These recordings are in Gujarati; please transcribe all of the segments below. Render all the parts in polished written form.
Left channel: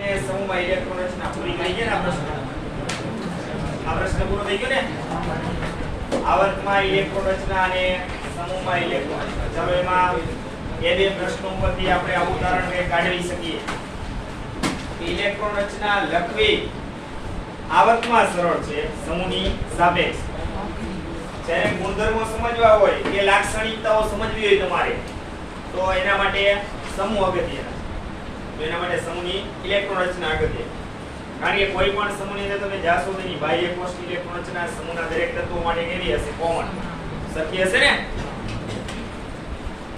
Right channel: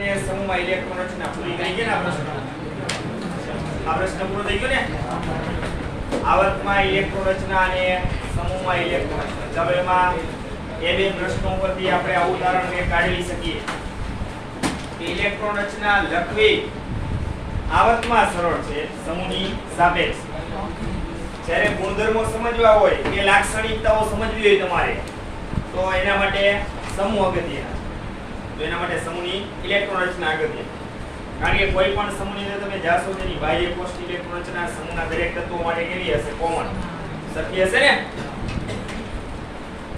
ને સમૂહમાં ઇલેક્ટ્રોન રચના પૂરી થઈ ગઈ ને આ પ્રશ્ન પૂરો થઈ ગયો ને આવર્તમાં ઇલેક્ટ્રોન રચના અને સમૂહમાં ઇલેક્ટ્રોન રચના હવે એમાં એ બે પ્રશ્નો ઉપરથી આપણે આવું ઉદાહરણ કાઢી શકીએ કે ઇલેક્ટ્રોન રચના લખવી આવર્તમાં સરળ છે સમૂહની સાપેક્ષ જ્યારે ગુણધર્મો સમજવા હોય કે લાક્ષણિકતાઓ સમજવી હોય તમારે તો એના માટે સમૂહ અગત્યના તો એના માટે સમૂહની ઇલેક્ટ્રોન રચના અગત્ય કારણ કે કોઈ પણ સમૂહની અંદર તમે જાશો તો એની બાહ્ય કોષ્ટક ઇલેક્ટ્રોન રચના સમૂહના દરેક તત્વો માટે કેવી હશે કોમન શક્ય હશે ને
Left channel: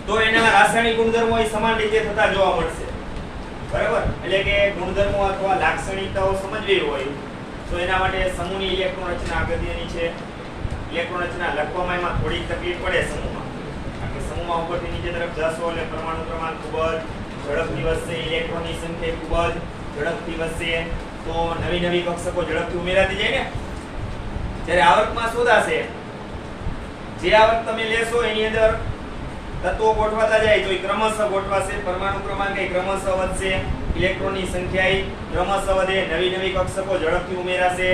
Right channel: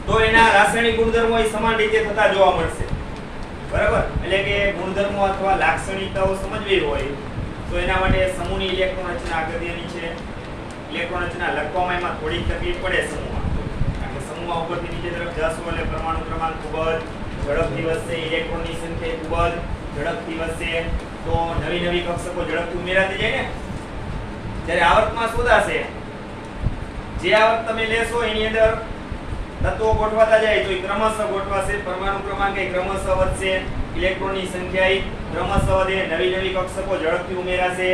તો એના રાસાયણિક ગુણધર્મો સમાન રીતે થતા જોવા મળશે બરાબર એટલે કે ગુણધર્મો અથવા લાક્ષણિકતાઓ સમજવી હોય તો એના માટે સમૂહની ઇલેક્ટ્રોન રચના અગત્યની છે ઇલેક્ટ્રોન રચના લખવામાં એમાં થોડીક તકલીફ પડે સમૂહમાં કારણ કે સમૂહમાં ઉપરથી નીચે તરફ જશો એટલે પરમાણુ ક્રમાંક ખૂબ જ ઝડપથી વધશે ઇલેક્ટ્રોનની સંખ્યા ખૂબ જ ઝડપથી વધશે તો નવી નવી કક્ષકો ઝડપથી ઉમેરાતી જાય ને જ્યારે આવર્તમાં શોધાશે જે આવર્ત તમે લેશો એની અંદર તત્વો ગોઠવાતા જાય તો એ ક્રમશઃ ગોઠવાશે પરમાણુ ક્રમાંક એ ક્રમશઃ વધશે ઇલેક્ટ્રોનની સંખ્યા ક્રમશઃ વધે નવી નવી કક્ષકો ઝડપથી ઉમેરાશે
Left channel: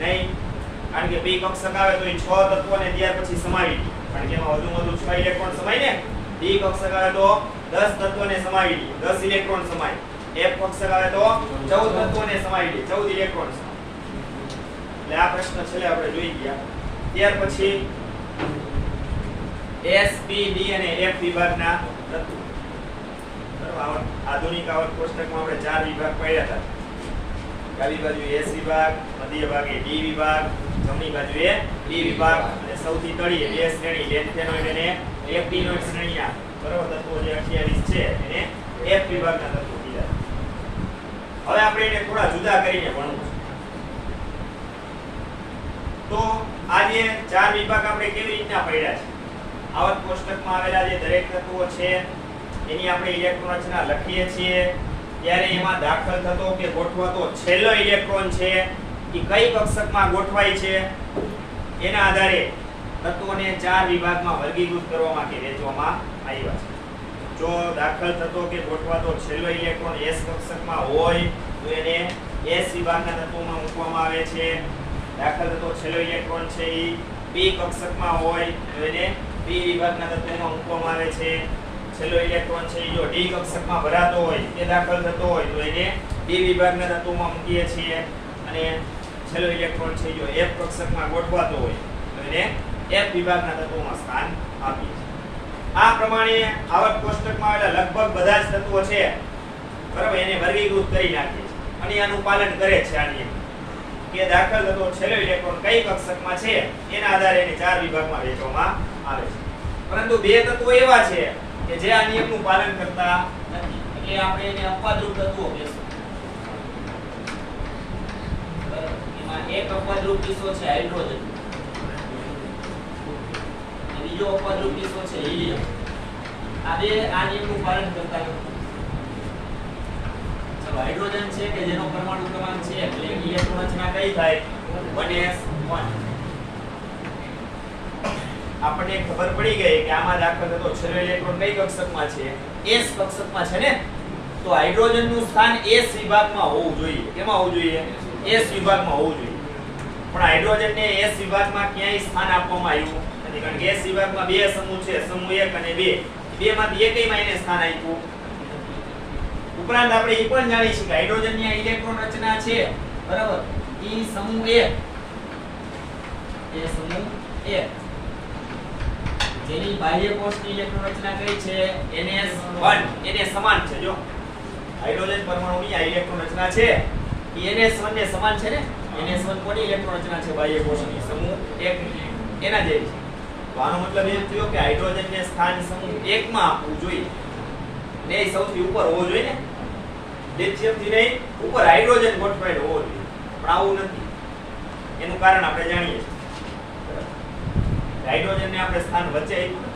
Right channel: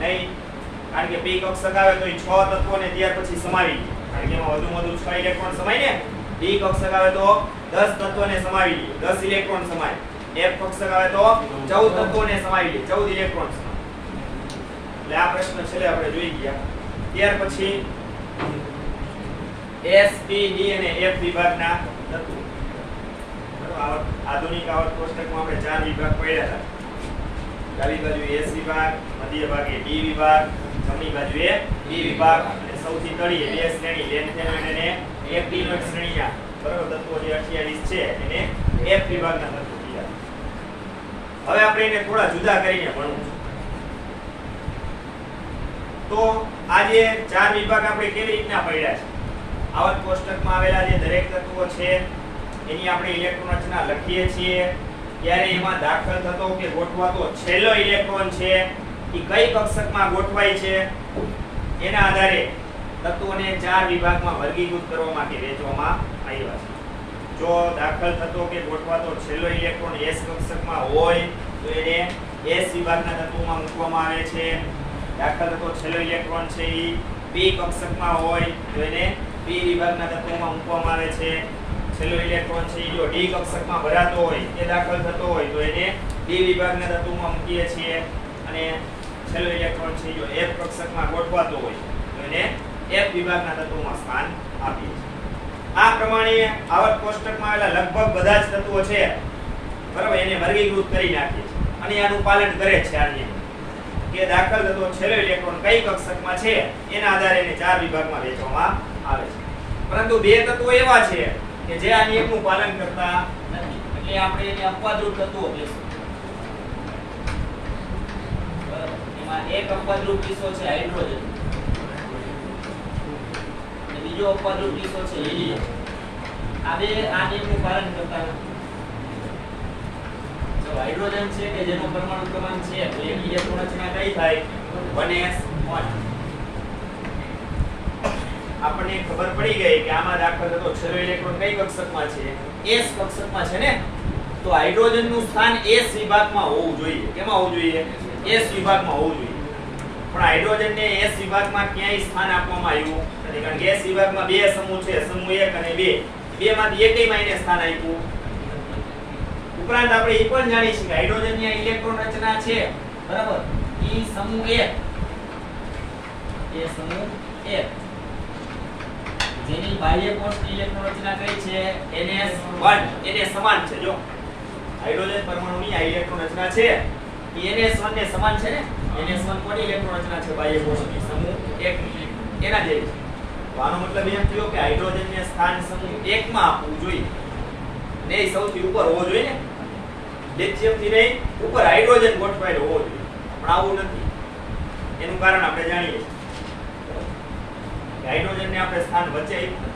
નહીં કારણ કે બે કક્ષક આવે તો એ 6 તત્વોને ત્યાર પછી સમાવી દે કારણ કે એમાં વધુ 6 ઇલેક્ટ્રોન સમાય ને બે કક્ષક આવે તો 10 તત્વોને સમાવી દે 10 ઇલેક્ટ્રોન સમાય એક કક્ષક આવે તો 14 તત્વોને સમાવી દે 14 ઇલેક્ટ્રોન સમાય એટલે આ પ્રશ્ન છેલ્લે આપણે જોઈ ગયા ત્યાર પછી S P D અને F વિભાગના તત્વો બરાબર આધુનિક આવર્ત કોષ્ટકમાં આપણે 4 વિભાગ પડ્યા હતા ડાબી બાજુએ S વિભાગ મધ્ય ભાગે D વિભાગ જમણી બાજુએ E વિભાગ અને સૌથી તળિયે બે શ્રેણી લેન્થેનોઇડ અને એક્ટિનોઇડ શ્રેણીના બરાબર તત્વો જે 28 છે એને F વિભાગના તત્વો કીધા હવે આપણે એને થોડા જુદા કરીને ભણવું છે તો આ જે 4 વિભાગ આપણે કેવી રીતના પડ્યા છે આવર્ત કોષ્ટકમાં આવેલા જે દરેક તત્વો છે એની આપણે ઇલેક્ટ્રોન રચના લખીએ છીએ ત્યારે એમાં દાખલ થતો કે ગોઠવાતો છેલ્લો ઇલેક્ટ્રોન છે એ કઈ કક્ષકમાં ગોઠવાય છે એના આધારે તત્વોને 4 વિભાગમાં વર્ગીકૃત કરવા માટે વહેંચવામાં આવ્યા છે જો દાખલ થતો કે ગોઠવાતો છેલ્લો ઇલેક્ટ્રોન S કક્ષકમાં હોય તો એને S વિભાગના તત્વોમાં મૂકવામાં આવે છે દાખલ થતો છેલ્લો ઇલેક્ટ્રોન છે એ B કક્ષકમાં હોય તો એને B વિભાગના તત્વોમાં મૂકવામાં આવે છે છેલ્લો ઇલેક્ટ્રોન છે જો D કક્ષકમાં ભરાતો હોય કે દાખલ થતો હોય તો એને D વિભાગના તત્વોમાં મૂકીએ છીએ અને છેલ્લો ઇલેક્ટ્રોન છે જો F કક્ષકમાં ગોઠવાતો હોય તો એને F વિભાગના તત્વોમાં સ્થાન આપીએ છીએ આ પ્રમાણે આવર્ત કોષ્ટકમાં આવેલા લગભગ બધા જ તત્વો છે બરાબર એને વર્ગીકૃત કરી નાખીએ છીએ અને આનું પાલન કરે છે આ નિયમ કે દાખલ થતો છેલ્લો ઇલેક્ટ્રોન કઈ કક્ષકમાં છે એના આધારે એને 4 વિભાગમાં વહેંચવામાં આવે છે પરંતુ બે તત્વો એવા છે કે જે આ નિયમનું પાલન કરતા નથી એટલે આપણે એને અપવાદરૂપ તત્વો કહીશું બરાબર એમાં એક અપવાદરૂપ કિસ્સો છે હાઇડ્રોજન બીજો અપવાદરૂપ કિસ્સો છે હિલિયમ આ બે આ નિયમનું પાલન કરતા નથી જો હાઇડ્રોજન છે કે જેનો પરમાણુ ક્રમાંક છે એટલે ઇલેક્ટ્રોન રચના કઈ થાય 1s1 આપણને ખબર પડી ગઈ કે આમાં દાખલ થતો છેલ્લો ઇલેક્ટ્રોન કઈ કક્ષકમાં છે S કક્ષકમાં છે ને તો હાઇડ્રોજનનું સ્થાન S વિભાગમાં હોવું જોઈએ કેમાં હોવું જોઈએ S વિભાગમાં હોવું જોઈએ પણ હાઇડ્રોજનને S વિભાગમાં ક્યાંય સ્થાન આપવામાં આવ્યું નથી કારણ કે S વિભાગમાં બે સમૂહ છે સમૂહ 1 અને 2 બેમાંથી એકયમાં એને સ્થાન આપ્યું ઉપરાંત આપણે એ પણ જાણીએ છીએ કે હાઇડ્રોજનની આ ઇલેક્ટ્રોન રચના છે બરાબર એ સમૂહ 1 એ સમૂહ 1 જેની બાહ્ય કોષની ઇલેક્ટ્રોન રચના કઈ છે NS1 એને સમાન છે જો હાઇડ્રોજન પરમાણુની આ ઇલેક્ટ્રોન રચના છે એ NS1 ને સમાન છે ને NS1 કોની ઇલેક્ટ્રોન રચના છે બાહ્ય કોષની સમૂહ 1 એના જેવી છે તો આનો મતલબ એ થયો કે હાઇડ્રોજનને સ્થાન સમૂહ 1 માં આપવું જોઈએ ને એ સૌથી ઉપર હોવો જોઈએ ને લિથિયમથી નહીં ઉપર હાઇડ્રોજન ગોઠવાયેલો હોવો જોઈએ પણ આવું નથી એનું કારણ આપણે જાણીએ છીએ હાઇડ્રોજનને આપણે સ્થાન વચ્ચે આપ્યું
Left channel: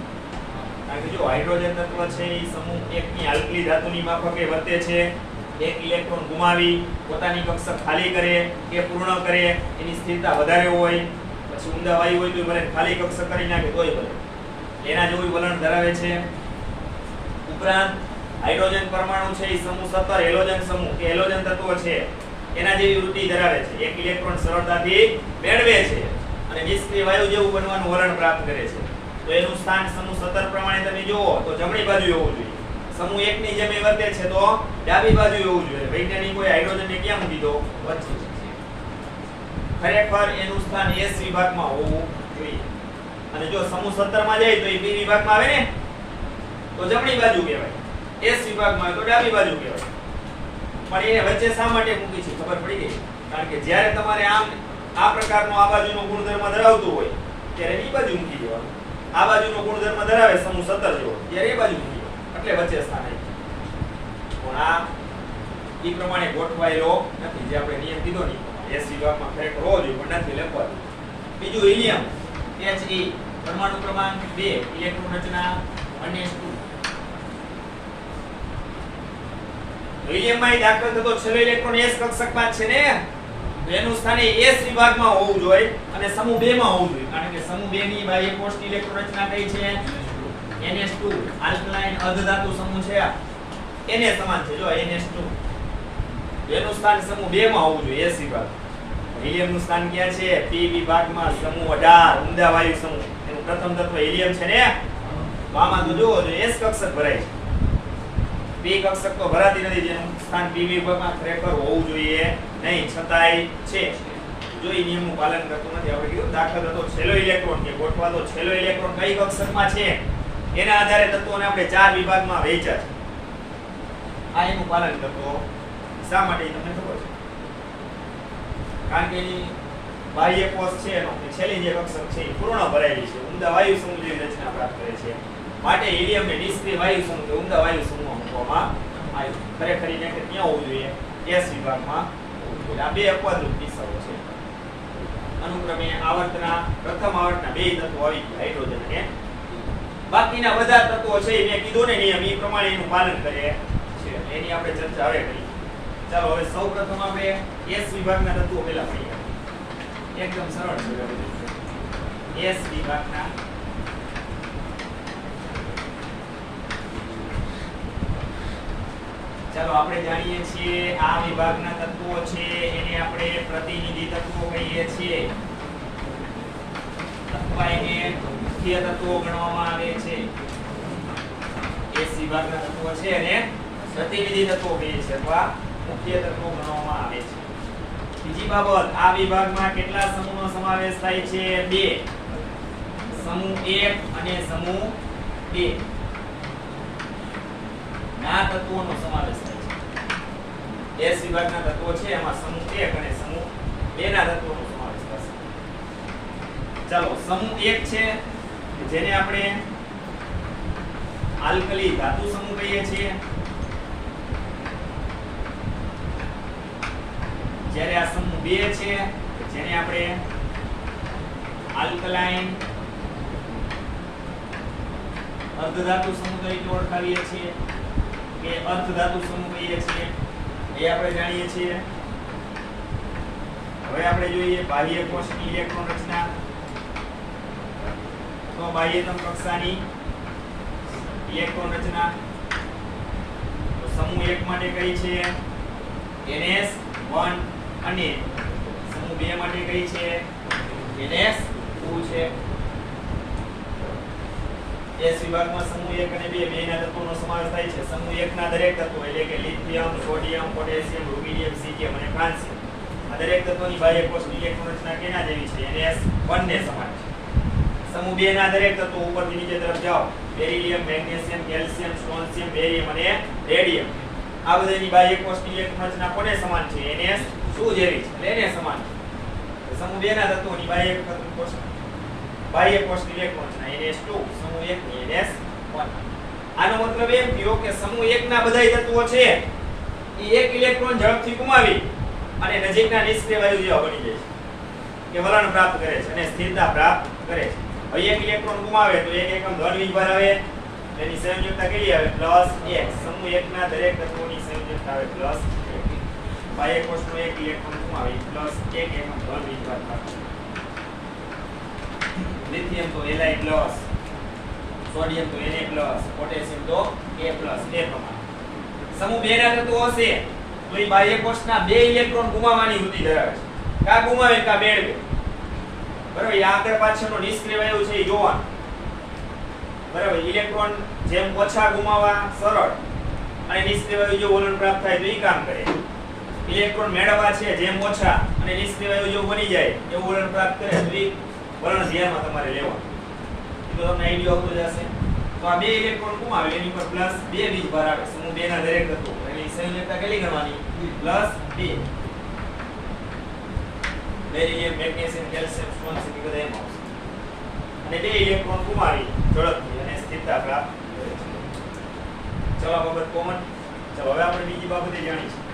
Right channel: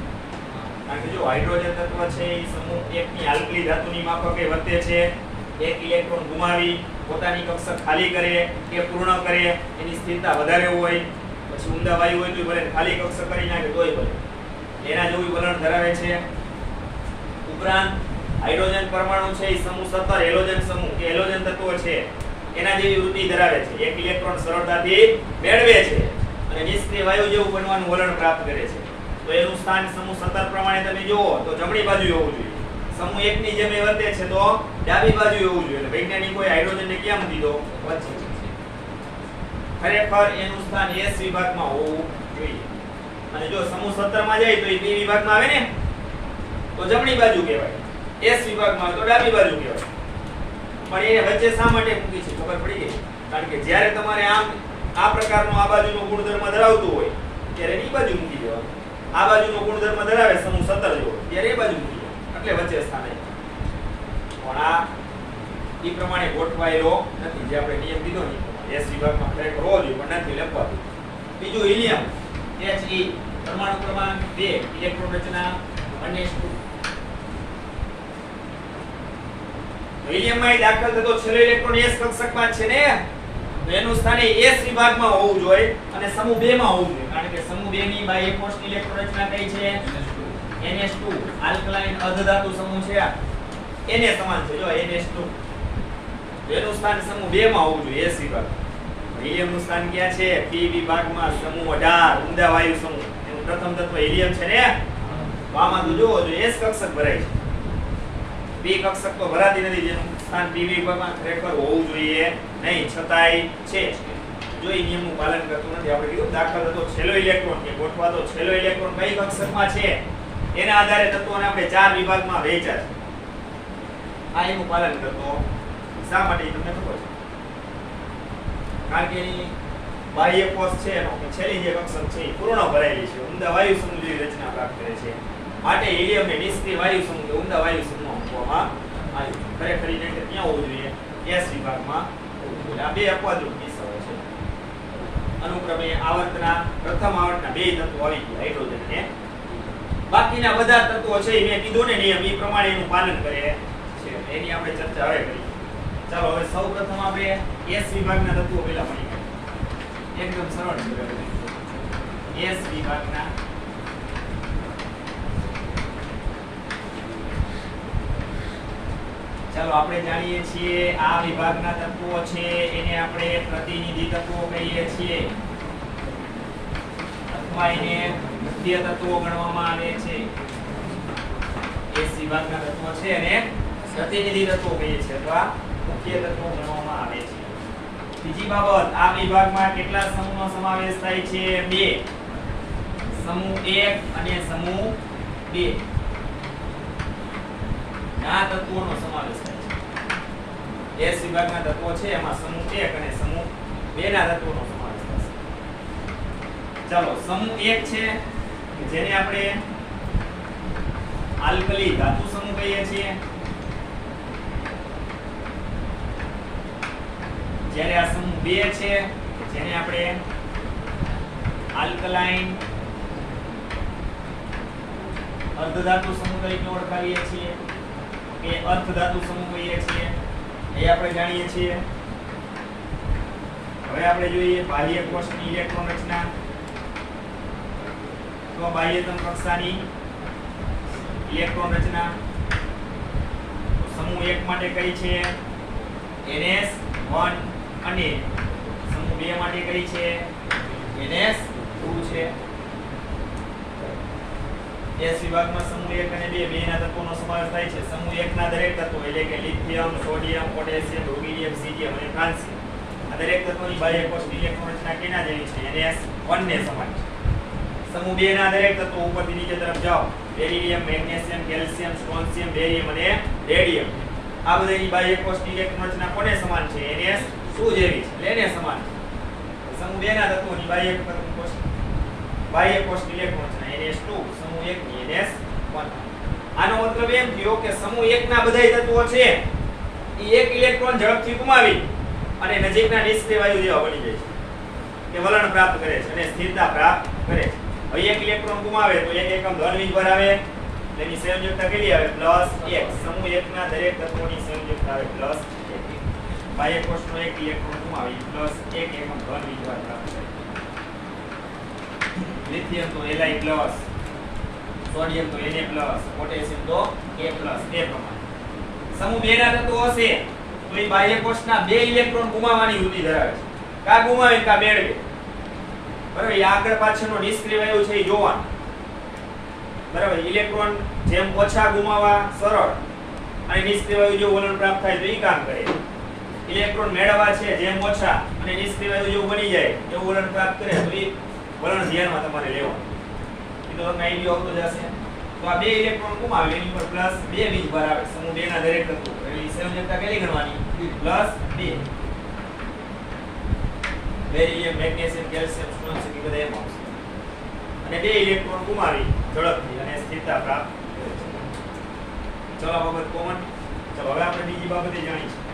કારણ કે જો હાઇડ્રોજન તત્વ છે એ સમૂહ 1 ની આલ્કલી ધાતુની માફકે વર્તે છે એક ઇલેક્ટ્રોન ગુમાવી પોતાની કક્ષક ખાલી કરે કે પૂર્ણ કરે એની સ્થિરતા વધારે હોય પછી ઊંડા વાયુ હોય તો ભલે ખાલી કક્ષક કરી નાખે તોય ભલે એના જેવું વલણ ધરાવે છે ઉપરાંત હાઇડ્રોજન પરમાણુ છે એ સમૂહ 17 હેલોજન સમૂહ કે હેલોજન તત્વો છે એના જેવી વૃત્તિ ધરાવે છે. એક ઇલેક્ટ્રોન સરળતાથી મેળવે છે અને નિષ્ક્રિય વાયુ જેવું બનવાનું વલણ પ્રાપ્ત કરે છે. તો એનું સ્થાન સમૂહ 17 પ્રમાણે તમે જુઓ તો જમણી બાજુ હોવું જોઈએ. સમૂહ 1 ની જેમ વર્તે છે તો ડાબી બાજુ હોવું જોઈએ. એટલે વૈજ્ઞાનિકોએ હાઇડ્રોજનને ક્યાં મૂકી દો? વચ્ચે. ખરેખર એનું સ્થાન S વિભાગમાં હોવું જોઈએ. અને જો સમૂહ 17 માં જાય તો એ B વિભાગમાં આવે ને, તો જમણી બાજુ કહેવાય. S વિભાગમાં તો ડાબી બાજુ કહેવાય. પણ એ વચ્ચે શા માટે મૂકી છે ખબર પડી ગઈ? કારણ કે જ્યારે તમારે આમ આ પ્રકારનો આ બાજુનો ગુણધર્મ ધરાવતું હોય ત્યારે એ બાજુ મૂકી દેવાનું. આ બાજુનો ગુણધર્મ ધરાવે સમૂહ 17 જેવો ત્યારે એ બાજુ મૂકી દેવાનું. એટલે વચ્ચે સ્થાન આવી. પણ આ એ પ્રમાણે ગોઠવાયેલો નથી. જે આપણે નિયમ કીધો ને S વિભાગમાં ખરેખર હોવો જોઈએ પણ નથી લખવા દે. બીજું હિલિયમ He પરમાણુ ક્રમાંક 2 ઇલેક્ટ્રોન રચના 1s2. હિલિયમમાં દાખલ થતો છેલ્લો ઇલેક્ટ્રોન S કક્ષકમાં છે ને, તો એનું સ્થાન S વિભાગમાં હોવું જોઈએ અને સમૂહ 2 માં હોવું જોઈએ. કારણ કે સમૂહ 2 ની બાહ્ય કોષની ઇલેક્ટ્રોન રચના કઈ છે? NS2 આલ્કલાઇન અર્ધધાતુ સમૂહ છે. એને સમાન છે જો NS2. એનું સ્થાન સમૂહ 2 માં હોવું જોઈએ S વિભાગ. હિલિયમનું સ્થાન ક્યાં છે? P વિભાગમાં સમૂહ 18 ઉમદા વાયુ સમૂહ. એનું પ્રથમ તત્વ હિલિયમ છે ને, તો આમાં તો જોવો જોઈએ S કક્ષક ભરાય છે. P કક્ષક તો ભરાતી નથી, જેનું સ્થાન P વિભાગમાં ખરેખર હોવું જોઈએ નહીં, છતાંય છે. જો એ નિયમનું પાલન કરતું નથી. આપણે કીધું દાખલ થતો છેલ્લો ઇલેક્ટ્રોન કે ગોઠવાતો છેલ્લો ઇલેક્ટ્રોન કઈ કક્ષકમાં છે એના આધારે તત્વોને આપણે 4 વિભાગમાં વહેંચ્યા છે. આ એનું પાલન કરતો શા માટે તમને ખબર છે? કારણ કે એની બાહ્ય કોષ છે એનો કે છેલ્લી જે કક્ષક છે એ પૂર્ણ ભરાયેલી છે, ઉમદા વાયુ સમૂહ જેવી રચના પ્રાપ્ત કરે છે. માટે હિલિયમને નિષ્ક્રિય વાયુ સમૂહ કે ઉમદા વાયુ સમૂહમાં મૂકવામાં આવ્યું. ખરેખર એને કે ત્યાં હોવું જોઈએ S વિભાગમાં. આ બે અપવાદરૂપ કિસ્સાઓ છે. અનુક્રમે આવર્તના પ્રથમ આવર્તના બે તત્વો આવી ગયા, હાઇડ્રોજન અને બાકીના બધા તત્વો છે મેં કીધું ને નિયમ એ પ્રમાણે એનું પાલન કરે છે. એની આપણે ચર્ચા હવે કરીએ. ચાલો હવે સૌપ્રથમ આપણે S વિભાગના તત્વો પહેલા મળીએ. એકદમ સરળ છે. S વિભાગના ચાલો આપણે જાણીએ છીએ આ વિભાગના તત્વો છે એને આપણે પ્રતિનિધિ તત્વો કહીએ છીએ અથવા એને મુખ્ય તત્વો ગણવામાં આવે છે. S વિભાગના તત્વો છે અને પ્રતિનિધિ તત્વો કહીએ છીએ અથવા મુખ્ય તત્વો ગણવામાં આવે છે. બીજી બાબત, આ વિભાગમાં કેટલા સમૂહનો સમાવેશ થાય છે? 2. સમૂહ 1 અને સમૂહ 2 ના તત્વોનો સમાવેશ થાય છે. S વિભાગના તત્વો છે એમાં સમૂહ 1 અને સમૂહ 2 ના તત્વોનો સમાવેશ થશે. ચાલો સમૂહ 1 છે જેને આપણે આલ્કલી ધાતુ સમૂહ કહીએ છીએ. જ્યારે આ સમૂહ 2 છે જેને આપણે આલ્કલાઇન અર્ધધાતુ સમૂહ તરીકે ઓળખાવીએ છીએ કે અર્ધધાતુ સમૂહ કહીએ છીએ, એ આપણે જાણીએ છીએ. હવે આપણે જોઈએ બાહ્ય કોષની ઇલેક્ટ્રોન રચના. તો બાહ્યતમ કક્ષાની ઇલેક્ટ્રોન રચના સમૂહ 1 માટે કઈ છે? NS1 અને સમૂહ 2 માટે કઈ છે? NS2 છે. S વિભાગમાં સમૂહ 1 અને 2 બેના તત્વોનો સમાવેશ થાય છે. સમૂહ 1 ના દરેક તત્વો એટલે કે lithium, sodium, potassium, rubidium, caesium અને ફ્રાન્સિયમ આ દરેક તત્વોની બાહ્ય કોષની ઇલેક્ટ્રોન રચના કેના જેવી છે? NS1 ને સમાન છે. સમૂહ 2 ના દરેક તત્વો ઉપરથી નીચે તરફ જાઓ, બેરિલિયમ, મેગ્નેશિયમ, કેલ્શિયમ, સ્ટ્રોન્શિયમ, બેરિયમ અને રેડિયમ આ બધાની બાહ્ય કોષની ઇલેક્ટ્રોન રચના કોને સમાન છે? NS2 જેવી છે. એટલે એને સમાન છે. સમૂહ 2 ના તત્વોની બાહ્ય કોષની ઇલેક્ટ્રોન રચના NS2, સમૂહ 1 ની NS1. આનો મતલબ એમ થયો કે સમૂહ 1 ના બધાય તત્વો છે એ એક ઇલેક્ટ્રોન ઝડપથી ગુમાવી અને નજીકના નિષ્ક્રિય વાયુ જેવા બની જાય છે કે વલણ પ્રાપ્ત કરે છે અને સ્થિરતા પ્રાપ્ત કરે છે. હવે એક ઇલેક્ટ્રોન ગુમાવે તો એક એકમ ધન વિભાર આવે, એની સંયોજકતા કેટલી આવે? +1. સમૂહ 1 ના દરેક તત્વોની સંયોજકતા આવે +1. બાહ્ય કોષનો એક ઇલેક્ટ્રોન ગુમાવી +1 એકમ ધન વિભાર પ્રાપ્ત કરે. લિથિયમ તો Li+, સોડિયમ તો Na+, પોટેશિયમ તો A+, એ પ્રમાણે. સમૂહ 2 ના તત્વો હશે તો એ બાહ્ય કોષના 2 ઇલેક્ટ્રોન ગુમાવવાની વૃત્તિ ધરાવે છે. કા ગુમાવે કા મેળવે. બરાબર, એ આગળ પાછળનો નિષ્ક્રિય વાયુ છે એ જોવાનું. બરાબર, ઇલેક્ટ્રોન જેમ ઓછા ગુમાવવા સરળ અને નિષ્ક્રિય વાયુ જો વલણ પ્રાપ્ત થાય તો એ કામ કરે. ઇલેક્ટ્રોન મેળવવા છે જેમ ઓછા અને નિષ્ક્રિય વાયુ જો બની જાય એવું વલણ પ્રાપ્ત કરે તો એ વલણ ધ્યાનમાં તમારે લેવાનું. એ તો તમને આઈડિયા આવતો જ હશે. તો આ 2 ઇલેક્ટ્રોન ગુમાવે એની પર પ્લસ 2 બીજ ભાર આવે. સમૂહ 2 ના દરેક તત્વો એટલે સંયોજકતા કેટલી ગણવાની? Plus 2. Barium, magnesium, calcium, stones એ બધા એમ આવશે. અને 2 ઇલેક્ટ્રોન ગુમાવી ઝડપથી અને સ્થિરતા પ્રાપ્ત કરે છે. ચલો આ બાબત કોમન. ચલો હવે આપણે બીજી બાબતે જાણીશું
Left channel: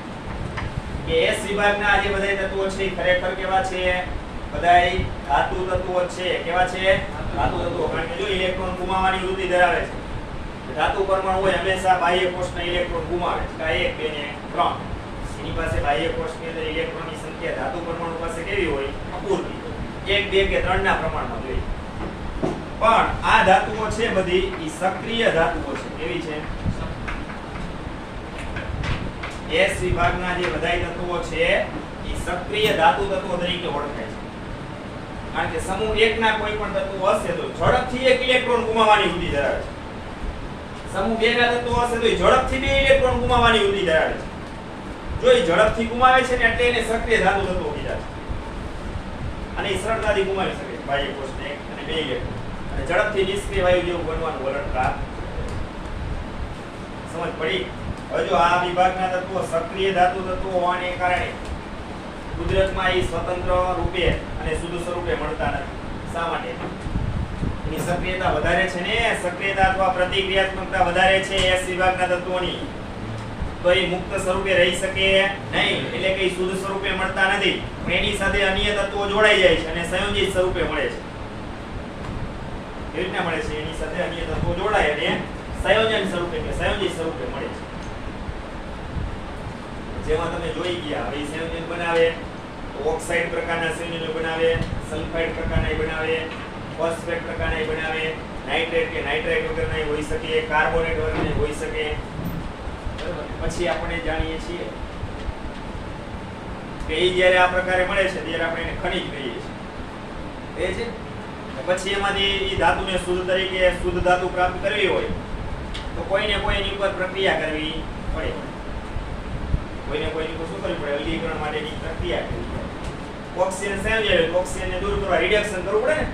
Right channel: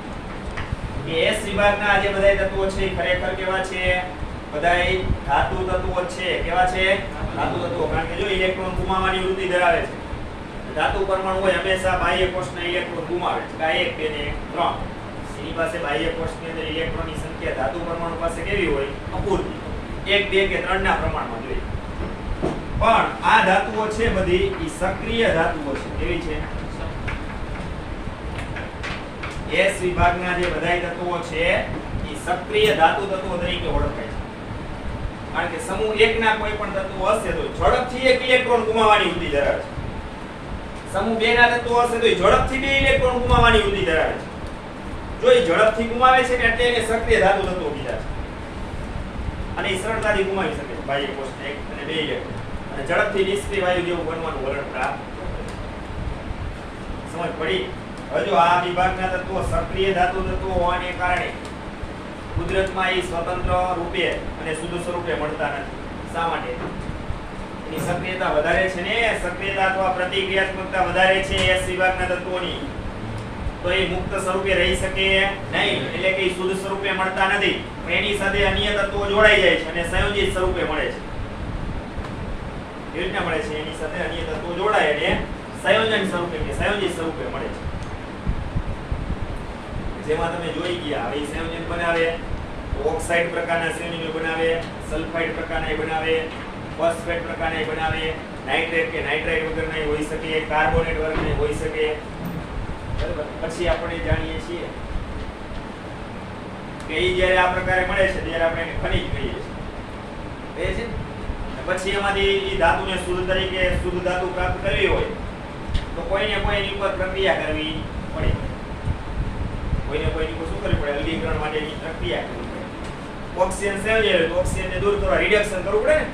કે S વિભાગના જે બધા તત્વો છે એ ખરેખર કેવા છે? બધાય ધાતુ તત્વો છે. કેવા છે? ધાતુ તત્વો. કારણ કે જો ઇલેક્ટ્રોન ગુમાવવાની વૃત્તિ ધરાવે છે. ધાતુ પરમાણુ હોય હંમેશા બાહ્ય કોષના ઇલેક્ટ્રોન ગુમાવે છે. કા 1, 2 ને 3. એની પાસે બાહ્ય કોષની અંદર ઇલેક્ટ્રોનની સંખ્યા ધાતુ પરમાણુ પાસે કેવી હોય? અપૂરતી. 1, 2 કે 3 ના પ્રમાણમાં હોય. પણ આ ધાતુઓ છે બધી ઈ સક્રિય ધાતુઓ છે. કેવી છે? S વિભાગના જે બધાય તત્વો છે ઈ સક્રિય ધાતુ તત્વો તરીકે ઓળખાય છે. કારણ કે સમૂહ 1 ના કોઈ પણ તત્વો હશે તો ઝડપથી 1 ઇલેક્ટ્રોન ગુમાવવાની વૃત્તિ ધરાવે છે. સમૂહ 2 ના તત્વો હશે તો ઝડપથી 2 ઇલેક્ટ્રોન ગુમાવવાની વૃત્તિ ધરાવે છે. જો એ ઝડપથી ગુમાવે છે ને એટલે એને સક્રિય ધાતુ તત્વો કીધા છે. અને એ સરળતાથી ગુમાવી શકે છે બાહ્ય કોષને 1 અને 2 ઇલેક્ટ્રોન. અને ઝડપથી નિષ્ક્રિય વાયુ જેવું બનવાનું વલણ પ્રાપ્ત કરે. સમજ પડી? હવે જો આ વિભાગના તત્વો સક્રિય ધાતુ તત્વો હોવાને કારણે કુદરતમાં એ સ્વતંત્ર રૂપે અને શુદ્ધ સ્વરૂપે મળતા નથી. શા માટે? એની સક્રિયતા વધારે છે ને. સક્રિયતા અથવા પ્રતિક્રિયાત્મકતા વધારે છે S વિભાગના તત્વોની. તો એ મુક્ત સ્વરૂપે રહી શકે નહીં. એટલે કે શુદ્ધ સ્વરૂપે મળતા નથી. પણ એની સાથે અન્ય તત્વો જોડાઈ જાય છે અને સંયોજિત સ્વરૂપે મળે છે. કેવી રીતના મળે છે? એની સાથે અન્ય તત્વો જોડાય એટલે સંયોજન સ્વરૂપે કે સંયોજિત સ્વરૂપે મળે છે. જેમાં તમે જોઈ ગયા હવે સંયોજન બનાવે તો ઓક્સાઇડ પ્રકારના સંયોજનો બનાવે, સલ્ફાઇડ પ્રકારના બનાવે, ફોસ્ફેટ પ્રકારના બનાવે, નાઇટ્રેટ કે નાઇટ્રાઇટ વગરના હોઈ શકે, કાર્બોનેટ વર્ગના હોઈ શકે. બરાબર, પછી આપણે જાણીએ છીએ કે એ જ્યારે આ પ્રકારે મળે છે ત્યારે આપણે એને ખનિજ કહીએ છીએ. એ છે. પછી એમાંથી એ ધાતુને શુદ્ધ તરીકે શુદ્ધ ધાતુ પ્રાપ્ત કરવી હોય તો કોઈને કોઈ એની ઉપર પ્રક્રિયા કરવી પડે. કોઈને કોઈની શું કરવું પડે? અલગીકરણ માટેની પ્રક્રિયા કરવી પડે. ઓક્સિજન સંયોજન તો ઓક્સિજનને દૂર કરવા રિડક્શન કરવું પડે ને.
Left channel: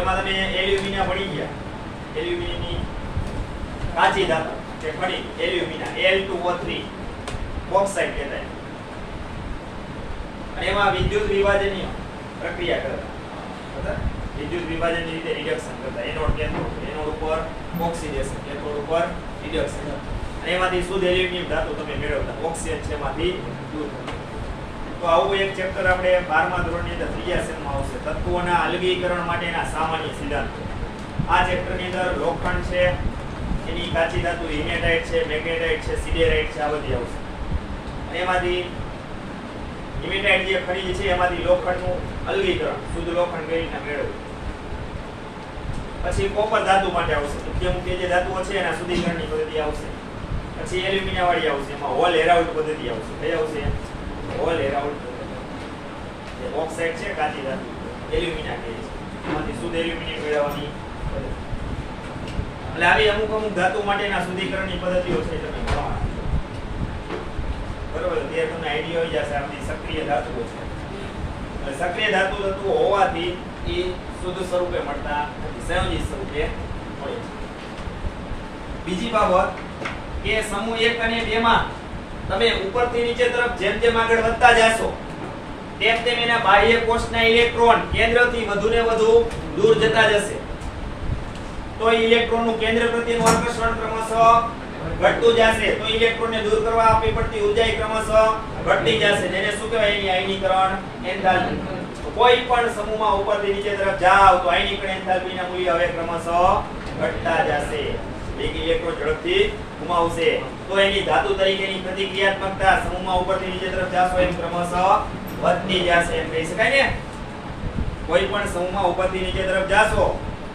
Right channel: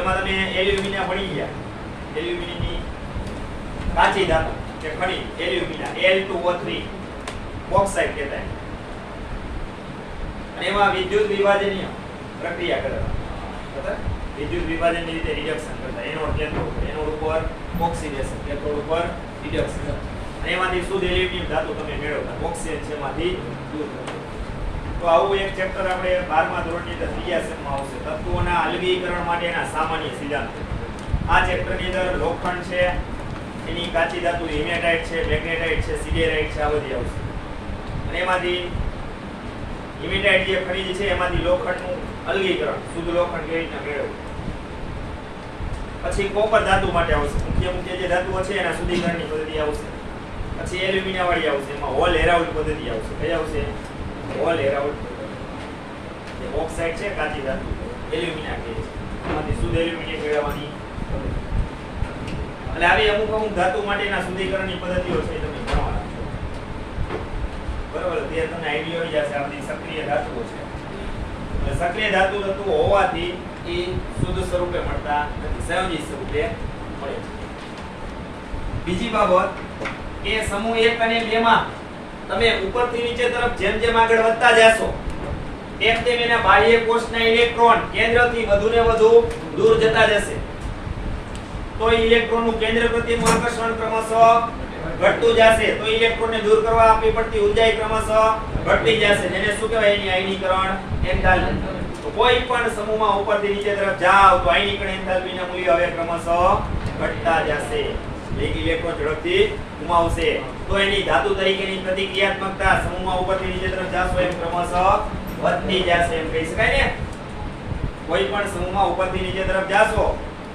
એમાં તમે એલ્યુમિનિયમ ભણી ગયા. એલ્યુમિનિયમની કાચી ધાતુ કે ખનિજ એલ્યુમિના Al2O3 બોક્સાઇટ કહેવાય. અને એમાં વિદ્યુત વિભાજનની પ્રક્રિયા કરતા. બરાબર? વિદ્યુત વિભાજનની રીતે રિડક્શન કરતા. એનોડ કેથોડ, એનોડ ઉપર ઓક્સિડેશન, કેથોડ ઉપર રિડક્શન. અને એમાંથી શુદ્ધ એલ્યુમિનિયમ ધાતુ તમે મેળવતા. ઓક્સિજન છે એમાંથી દૂર કરતા. તો આવું એક ચેપ્ટર આપણે 12મા ધોરણની અંદર ત્રીજા સેમમાં આવશે. તત્વોના અલગીકરણ માટેના સામાન્ય સિદ્ધાંતો. આ ચેપ્ટરની અંદર લોખંડ છે, એની કાચી ધાતુ હિમેટાઇટ છે, મેગ્નેટાઇટ છે, સિડેરાઇટ છે, આ બધી આવશે. અને એમાંથી હિમેટાઇટ જે ખનિજ છે એમાંથી લોખંડનું અલગીકરણ, શુદ્ધ લોખંડ કેવી રીતના મેળવવું. પછી કોપર ધાતુ માટે આવશે. મુખ્ય મુખ્ય જે ધાતુઓ છે એના શુદ્ધિકરણની પદ્ધતિ આવશે. પછી એલ્યુમિનિયમ વાળી આવશે. એમાં હોલ હેરાઉલ્ડ પદ્ધતિ આવશે. કઈ આવશે? હોલ હેરાઉલ્ડ પદ્ધતિ. જે ઓક્સાઇડ છે કાચી ધાતુ એલ્યુમિનિયમ કહે છે. એમાંથી શુદ્ધ એલ્યુમિનિયમ મેળવવાની પદ્ધતિ. એટલે આવી અમુક અમુક ધાતુ માટેના શુદ્ધિકરણની પદ્ધતિઓ છે તમે ભણવાના છો. બરોબર? તે તમને આઈડિયા આવી જશે. આ બધી સક્રિય ધાતુઓ છે. સક્રિય ધાતુ તત્વો હોવાથી એ શુદ્ધ સ્વરૂપે મળતા નથી, સંયોજિત સ્વરૂપે મળે છે. બીજી બાબત કે સમૂહ 1 અને 2 માં તમે ઉપરથી નીચે તરફ જેમ જેમ આગળ વધતા જાશો તેમ તેમ એના બાહ્ય કોષના ઇલેક્ટ્રોન કેન્દ્રથી વધુ ને વધુ દૂર જતા જશે. તો ઇલેક્ટ્રોનનું કેન્દ્ર પ્રત્યેનું આકર્ષણ ક્રમશઃ ઘટતું જશે. તો ઇલેક્ટ્રોનને દૂર કરવા આપવી પડતી ઉર્જા ક્રમશઃ ઘટતી જશે. જેને શું કહેવાય? એની આયનીકરણ એન્થાલ્પી. તો કોઈ પણ સમૂહમાં ઉપરથી નીચે તરફ જાવ તો આયનીકરણ એન્થાલ્પીના મૂલ્ય હવે ક્રમશઃ ઘટતા જશે. એક ઇલેક્ટ્રોન ઝડપથી ગુમાવશે તો એની ધાતુ તરીકેની પ્રતિક્રિયાત્મકતા સમૂહમાં ઉપરથી નીચે તરફ જાશો એમ ક્રમશઃ વધતી જશે એમ કહી શકાય ને. કોઈ પણ સમૂહમાં ઉપરથી નીચે તરફ જાશો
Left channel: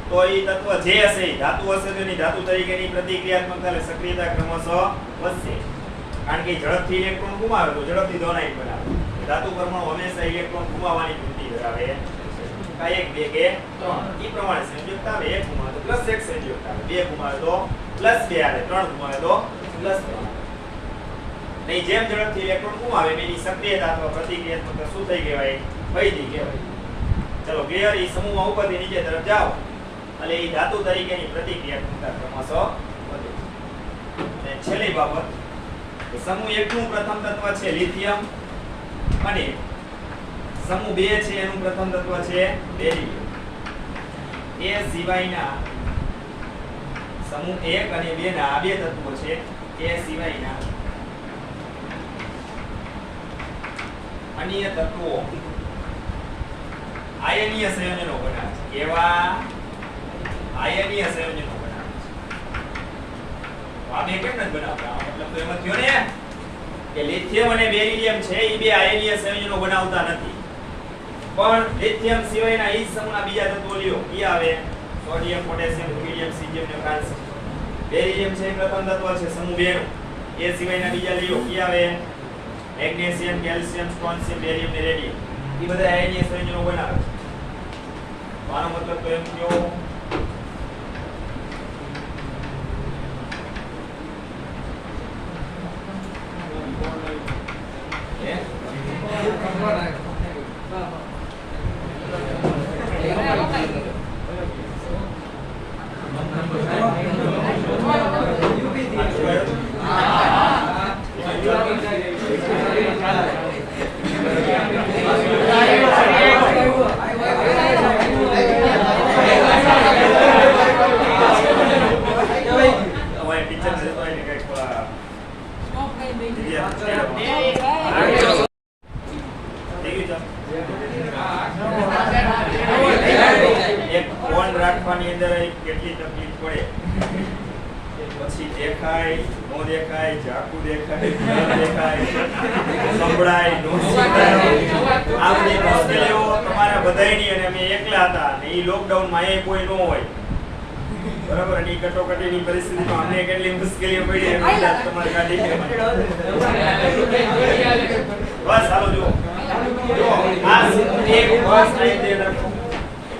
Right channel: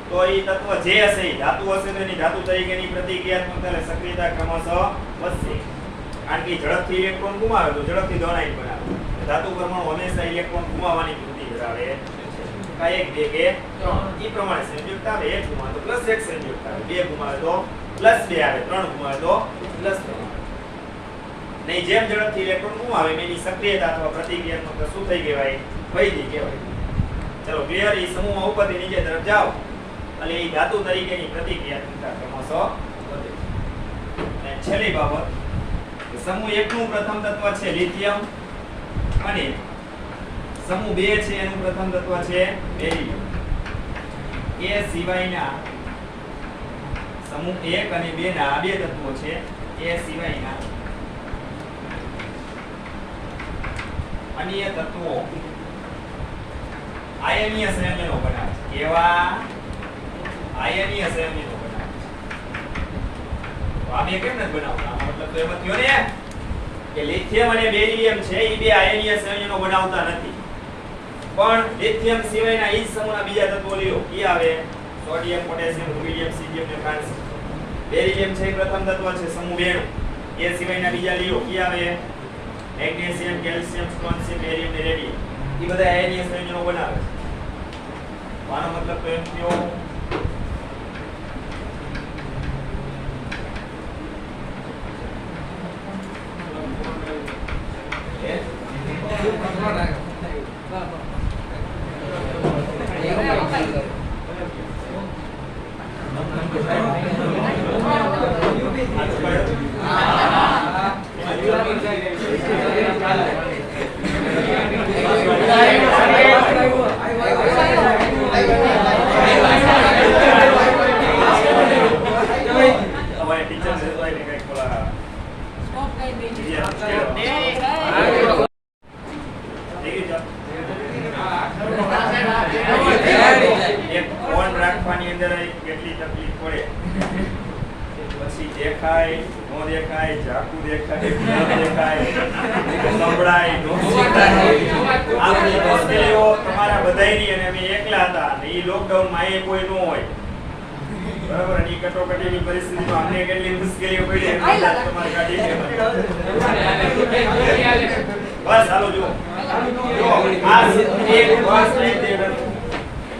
તો એ તત્વ જે હશે ઈ ધાતુ હશે તો એની ધાતુ તરીકેની પ્રતિક્રિયાત્મકતા એટલે સક્રિયતા ક્રમશઃ વધશે. કારણ કે ઝડપથી ઇલેક્ટ્રોન ગુમાવે તો ઝડપથી ધન બનાવે. ધાતુ પરમાણુ હંમેશા ઇલેક્ટ્રોન ગુમાવવાની વૃત્તિ ધરાવે છે. 1 2 કે 3 ઈ પ્રમાણે સંયુક્ત આવે. 1 ગુમાવે તો +1 સંયુક્ત આવે, 2 ગુમાવે તો +2 આવે, 3 ગુમાવે તો +3. નહીં જેમ ઝડપથી ઇલેક્ટ્રોન ગુમાવે એની સક્રિયતા અથવા પ્રતિક્રિયાત્મકતા શું થઈ કહેવાય? વૈધી કહેવાય. ચલો ક્લિયર. ઈ સમૂહમાં ઉપરથી નીચે તરફ જાઓ એટલે ઈ ધાતુ તરીકેની પ્રતિક્રિયાત્મકતા ક્રમશઃ વધે છે. અને છેલ્લી બાબત, સમૂહ 1 નું પ્રથમ તત્વ છે લિથિયમ અને સમૂહ 2 છે એનું પ્રથમ તત્વ છે બેરિલિયમ. એ સિવાયના સમૂહ 1 અને 2 ના આ બે તત્વો છે. એ સિવાયના અન્ય તત્વો આયનીય સંયોજનો બનાવે છે. એવા આયનીય સંયોજનો બનાવે છે. આ બે કેમ નથી બનાવતા? મતલબ તો એમ થયો ને કે લિથિયમ અને બેરિલિયમ છે એ બે આયનીય સંયોજનો બનાવતા નથી. પણ લિથિયમ સિવાયના એ જ સમૂહના બીજા તત્વો લ્યો. ઈ આવે સોડિયમ, પોટેશિયમ, રુબિડિયમ, સીઝિયમ ને ફ્રાન્સિયમ. બેરિલિયમ છે પ્રથમ તત્વ છે સમૂહ 2 નું. એ સિવાયના બીજા લ્યો. ઈ આવે મેગ્નેશિયમ, કેલ્શિયમ, સ્ટ્રોન્શિયમ, બેરિયમ ને રેડિયમ. ઈ બધા આયનીય સંયોજનો બનાવે છે. આનો મતલબ તો એમ થયો રાખવાની અંદર કેટલી તકલીફ પડે. પછી દેખાય ન દેખાય, ઝાકુ દેખાય, ન દેખાય, સંભળાય, ન સંભળાય. આ બધી મુશ્કેલીઓ તમારા બધાયની. અને અમે એકલા હતા અને ઈ લોકડાઉન માં એ કોઈ ન હોય બરાબર. અને ઈ કટોકટીની પરિસ્થિતિમાં અમને કેટલી મુશ્કેલીઓ પડી તમારે કાઢી છે. બસ ચાલો જુઓ જો આ એક બસ નહીં તે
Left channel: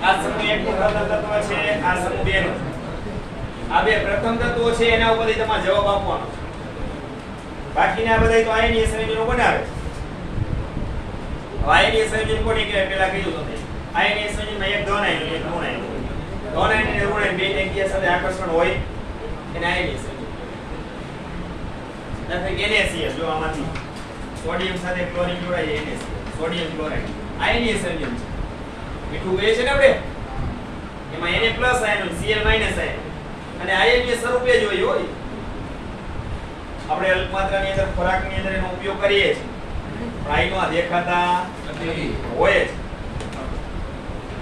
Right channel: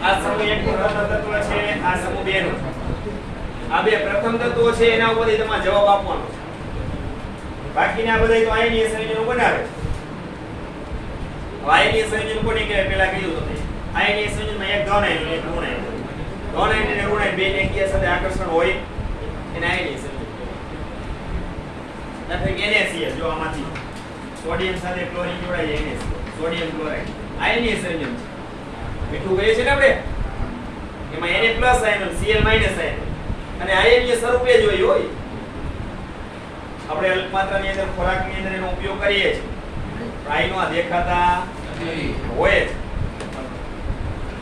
આ સમૂહ 1 નું પ્રથમ તત્વ છે, આ સમૂહ 2 નું. આ બે પ્રથમ તત્વો છે એના ઉપરથી તમારે જવાબ આપવાનો છે. બાકીના બધા તો આયનીય સંયોજનો બનાવે. આયનીય સંયોજન કોને કહેવાય? પહેલા કીધું તમને. આયનીય સંયોજનમાં એક ધન આયન એક ઋણ આયન. ધન આયન અને ઋણ આયન બે એકબીજા સાથે આકર્ષણ હોય એને આયનીય સંયોજન કહેવાય. NaCl જો આમાંથી સોડિયમ સાથે ક્લોરીન જોડાય છે NaCl, સોડિયમ ક્લોરાઇડ આયનીય સંયોજન છે. મીઠું કહીએ છે ને આપણે, એમાં Na+ આયન Cl- આયન અને આયનીય સ્વરૂપે જ હોય. આપણે અલ્પમાત્રાની અંદર ખોરાકની અંદર એનો ઉપયોગ કરીએ છીએ પણ આયનો આ દેખાતા હોય જ.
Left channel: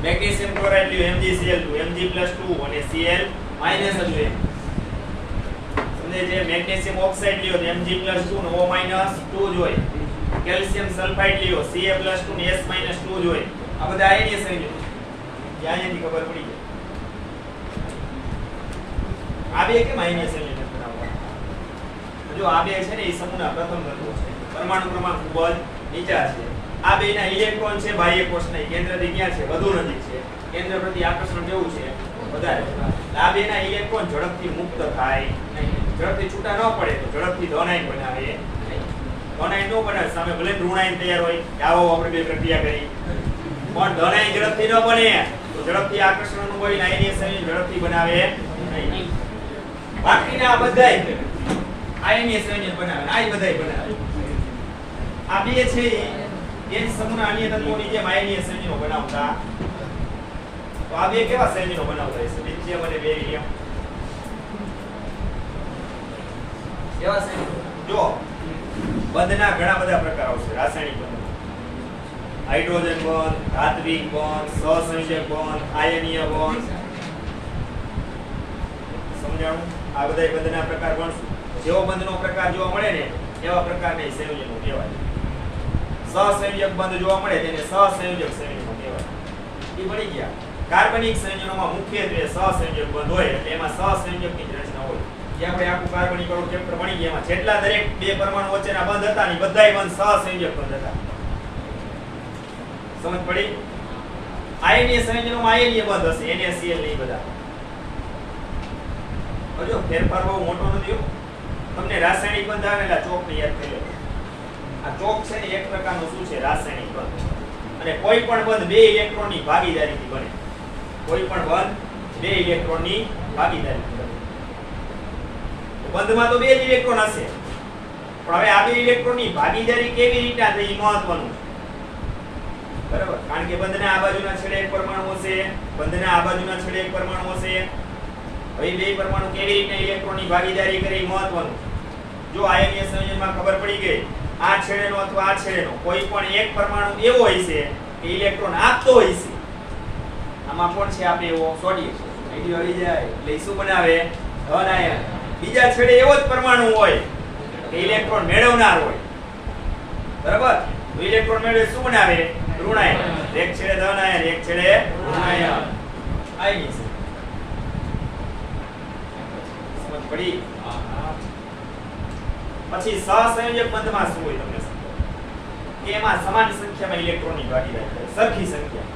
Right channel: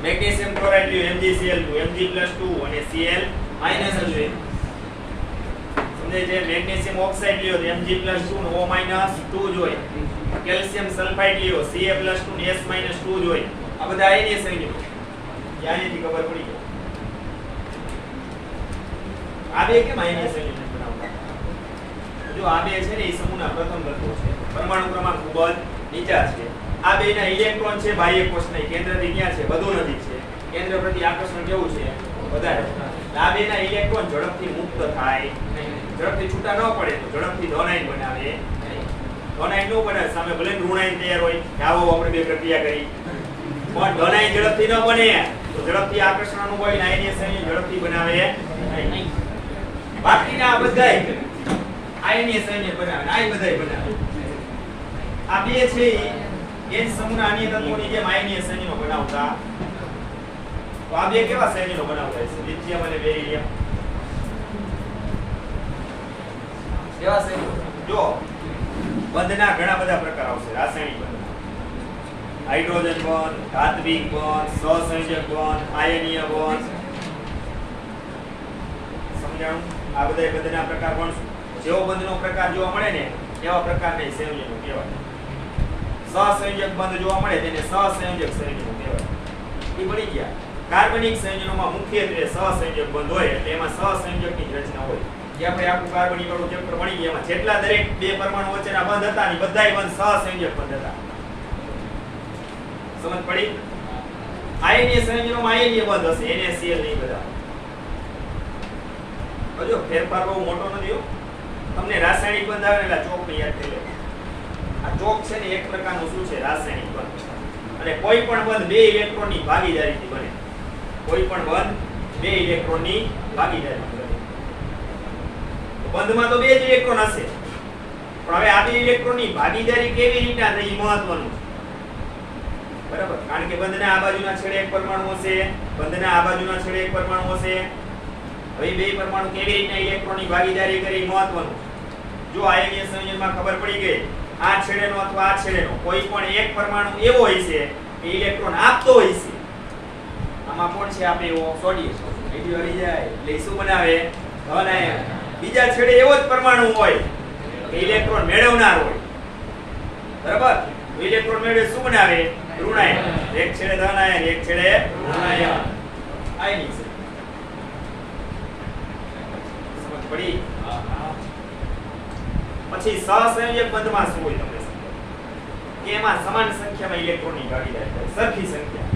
મેગ્નેશિયમ ક્લોરાઇડ લ્યો MgCl2, Mg+2 અને Cl- સમજે જે મેગ્નેશિયમ ઓક્સાઇડ લ્યો તો Mg+2 ને O-2 જોઈએ. કેલ્શિયમ સલ્ફાઇડ લ્યો Ca+2 ને S-2 જોઈએ. આ બધા આયનીય સંયોજનો છે. આયનની ખબર પડી જાય. આ બે કેમ આયનીય સંયોજન બનાવતા? જો આ બે છે ને એ સમૂહના પ્રથમ તત્વો છે. પરમાણુ ક્રમાંક ખૂબ જ નીચા છે. આ બેના ઇલેક્ટ્રોન છે બાહ્ય કોષના કેન્દ્રથી ક્યાં છે? વધુ નજીક છે. કેન્દ્ર પ્રતિ આકર્ષણ કેવું છે? વધારે. આ બેના ઇલેક્ટ્રોન ઝડપથી મુક્ત થાય નહીં. ઝડપથી છૂટા ન પડે તો ઝડપથી ધન આયન બનાવે નહીં. ધન આયન નો બનાવે સામે ભલે ઋણ આયન તૈયાર હોય કે આવો આપણે બે પ્રક્રિયા કરી પણ ધન આયન ઝડપથી ન બને તો ઝડપથી આકર્ષણ અનુભવી આયનીય સંયોજન ઝડપથી બનાવે નહીં. બાકીના બધાય આયનીય સંયોજન બનાવે. આ બધાય બનાવે. આ બે છે એ સમૂહના અન્ય તત્વોની જેમ આયનીય સંયોજનો બનાવતા. તો આ બે કેવા સંયોજનો બનાવતા હશે? લિથિયમ અને બેરિલિયમ. કેવા સંયોજનો? જો બંધના ઘણા બધા પ્રકાર આવશે. રાસાયણિક બંધ, હાઇડ્રોજન બંધ, ધાત્વિક બંધ, સહસંયોજક બંધ, આયનીય બંધ. સમજાણું? આ બધા બંધના પ્રકાર ગણશું. જેવો બંધનો પ્રકાર જોવા મળે ને એવા પ્રકારના સંયોજનો કહેવાય. સહસંયોજક બંધ જોવા મળે તેને સહસંયોજક સંયોજનો કહેવાય. એ બની ગયા. કાર્બનિક સંયોજનોમાં મુખ્યત્વે સહસંયોજક બંધ હોય એટલે એમાં સહસંયોજકની જ રચના હોય. જે આપણે આખું કાર્બનિક વાળું ચેપ્ટર ભણી ગયા એમાં જેટલા દરેક બે પરમાણુ વચ્ચેના બંધ હતા ને બધાય બંધ સહસંયોજક બંધ હતા. સમજ પડી? આયનીય સંયોજનોમાં આયનીય બંધ હશે, NaCl નહીં બધા. જો ફેરફાર બહુ મોટો નથી. તમને રાસાયણિક બંધ આવે એટલે ચોક ને યાદ કરી લો. આ ચોક છે ને એક પ્રકારનું શું છે? રાસાયણિક બંધ. અને કોઈ પણ બંધ બે ઇલેક્ટ્રોનની ભાગીદારીથી બને. કોઈ પણ બંધ બે ઇલેક્ટ્રોનની ભાગીદારીથી બને. બંધમાં તો બે જ ઇલેક્ટ્રોન હશે, પણ હવે આ બે ઇલેક્ટ્રોનની ભાગીદારી કેવી રીતના થઈ એ મહત્વનું છે. બરાબર? કારણ કે બંધના આ બાજુના છેડે એક પરમાણુ હશે, બંધના આ બાજુના છેડે એક પરમાણુ હશે. હવે બે પરમાણુ કેવી રીતના ઇલેક્ટ્રોનની ભાગીદારી કરે એ મહત્વનું. જો આયનીય સંયોજનમાં ખબર પડી ગઈ આ છેડેનો અથવા આ છેડેનો કોઈ પણ એક પરમાણુ એવો હોય છે કે ઇલેક્ટ્રોન આપતો હોય છે. આમાં કોણ છે આપે એવો? સોડિયમ. અહીંથી વળી જાય એટલે શું બનાવે? ધન આયન. બીજા છેડે એવો જ પરમાણુ હોય કે ઇલેક્ટ્રોન મેળવનાર હોય. બરાબર? ઇલેક્ટ્રોન મેળવે શું બનાવે? ઋણ આયન. એક છેડે ધન આયન, એક છેડે ઋણ આયન. આયની છે. સમજ પડી? પછી સહસંયોજક બંધમાં શું હોય તમને સમજો કે એમાં સમાન સંખ્યામાં ઇલેક્ટ્રોનની ભાગીદારી થાય, સરખી સંખ્યા.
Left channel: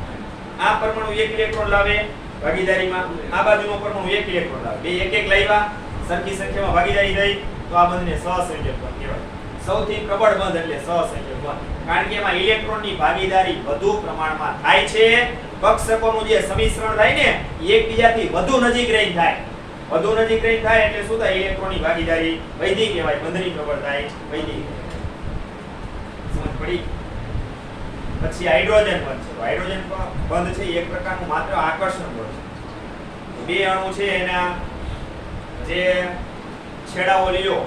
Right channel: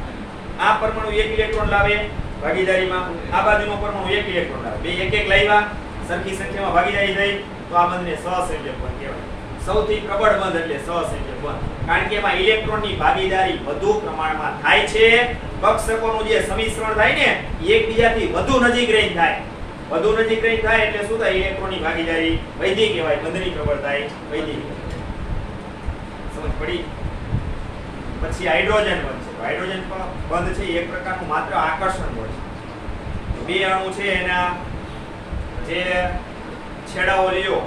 આ પરમાણુ એક ઇલેક્ટ્રોન લાવે ભાગીદારીમાં, આ બાજુનો પરમાણુ એક ઇલેક્ટ્રોન લાવે, બે એક એક લાવ્યા, સરખી સંખ્યામાં ભાગીદારી થઈ, તો આ બંધને સહસંયોજક બંધ કહેવાય. સૌથી પ્રબળ બંધ એટલે સહસંયોજક બંધ, કારણ કે એમાં ઇલેક્ટ્રોનની ભાગીદારી વધુ પ્રમાણમાં થાય છે. કક્ષકોનું જે સમિશ્રણ થાય ને એ એકબીજાથી વધુ નજીક રહીને થાય. વધુ નજીક રહી થાય એટલે શું થાય? ઇલેક્ટ્રોનની ભાગીદારી વૈધી કહેવાય. બંધની પ્રબળતા વૈધી. સમજ પડી? પછી હાઇડ્રોજન બંધ છે. હાઇડ્રોજન બંધ છે એક પ્રકારનું માત્ર આકર્ષણ બળ છે. બે અણુ છે એના જે છેડાઓ લ્યો,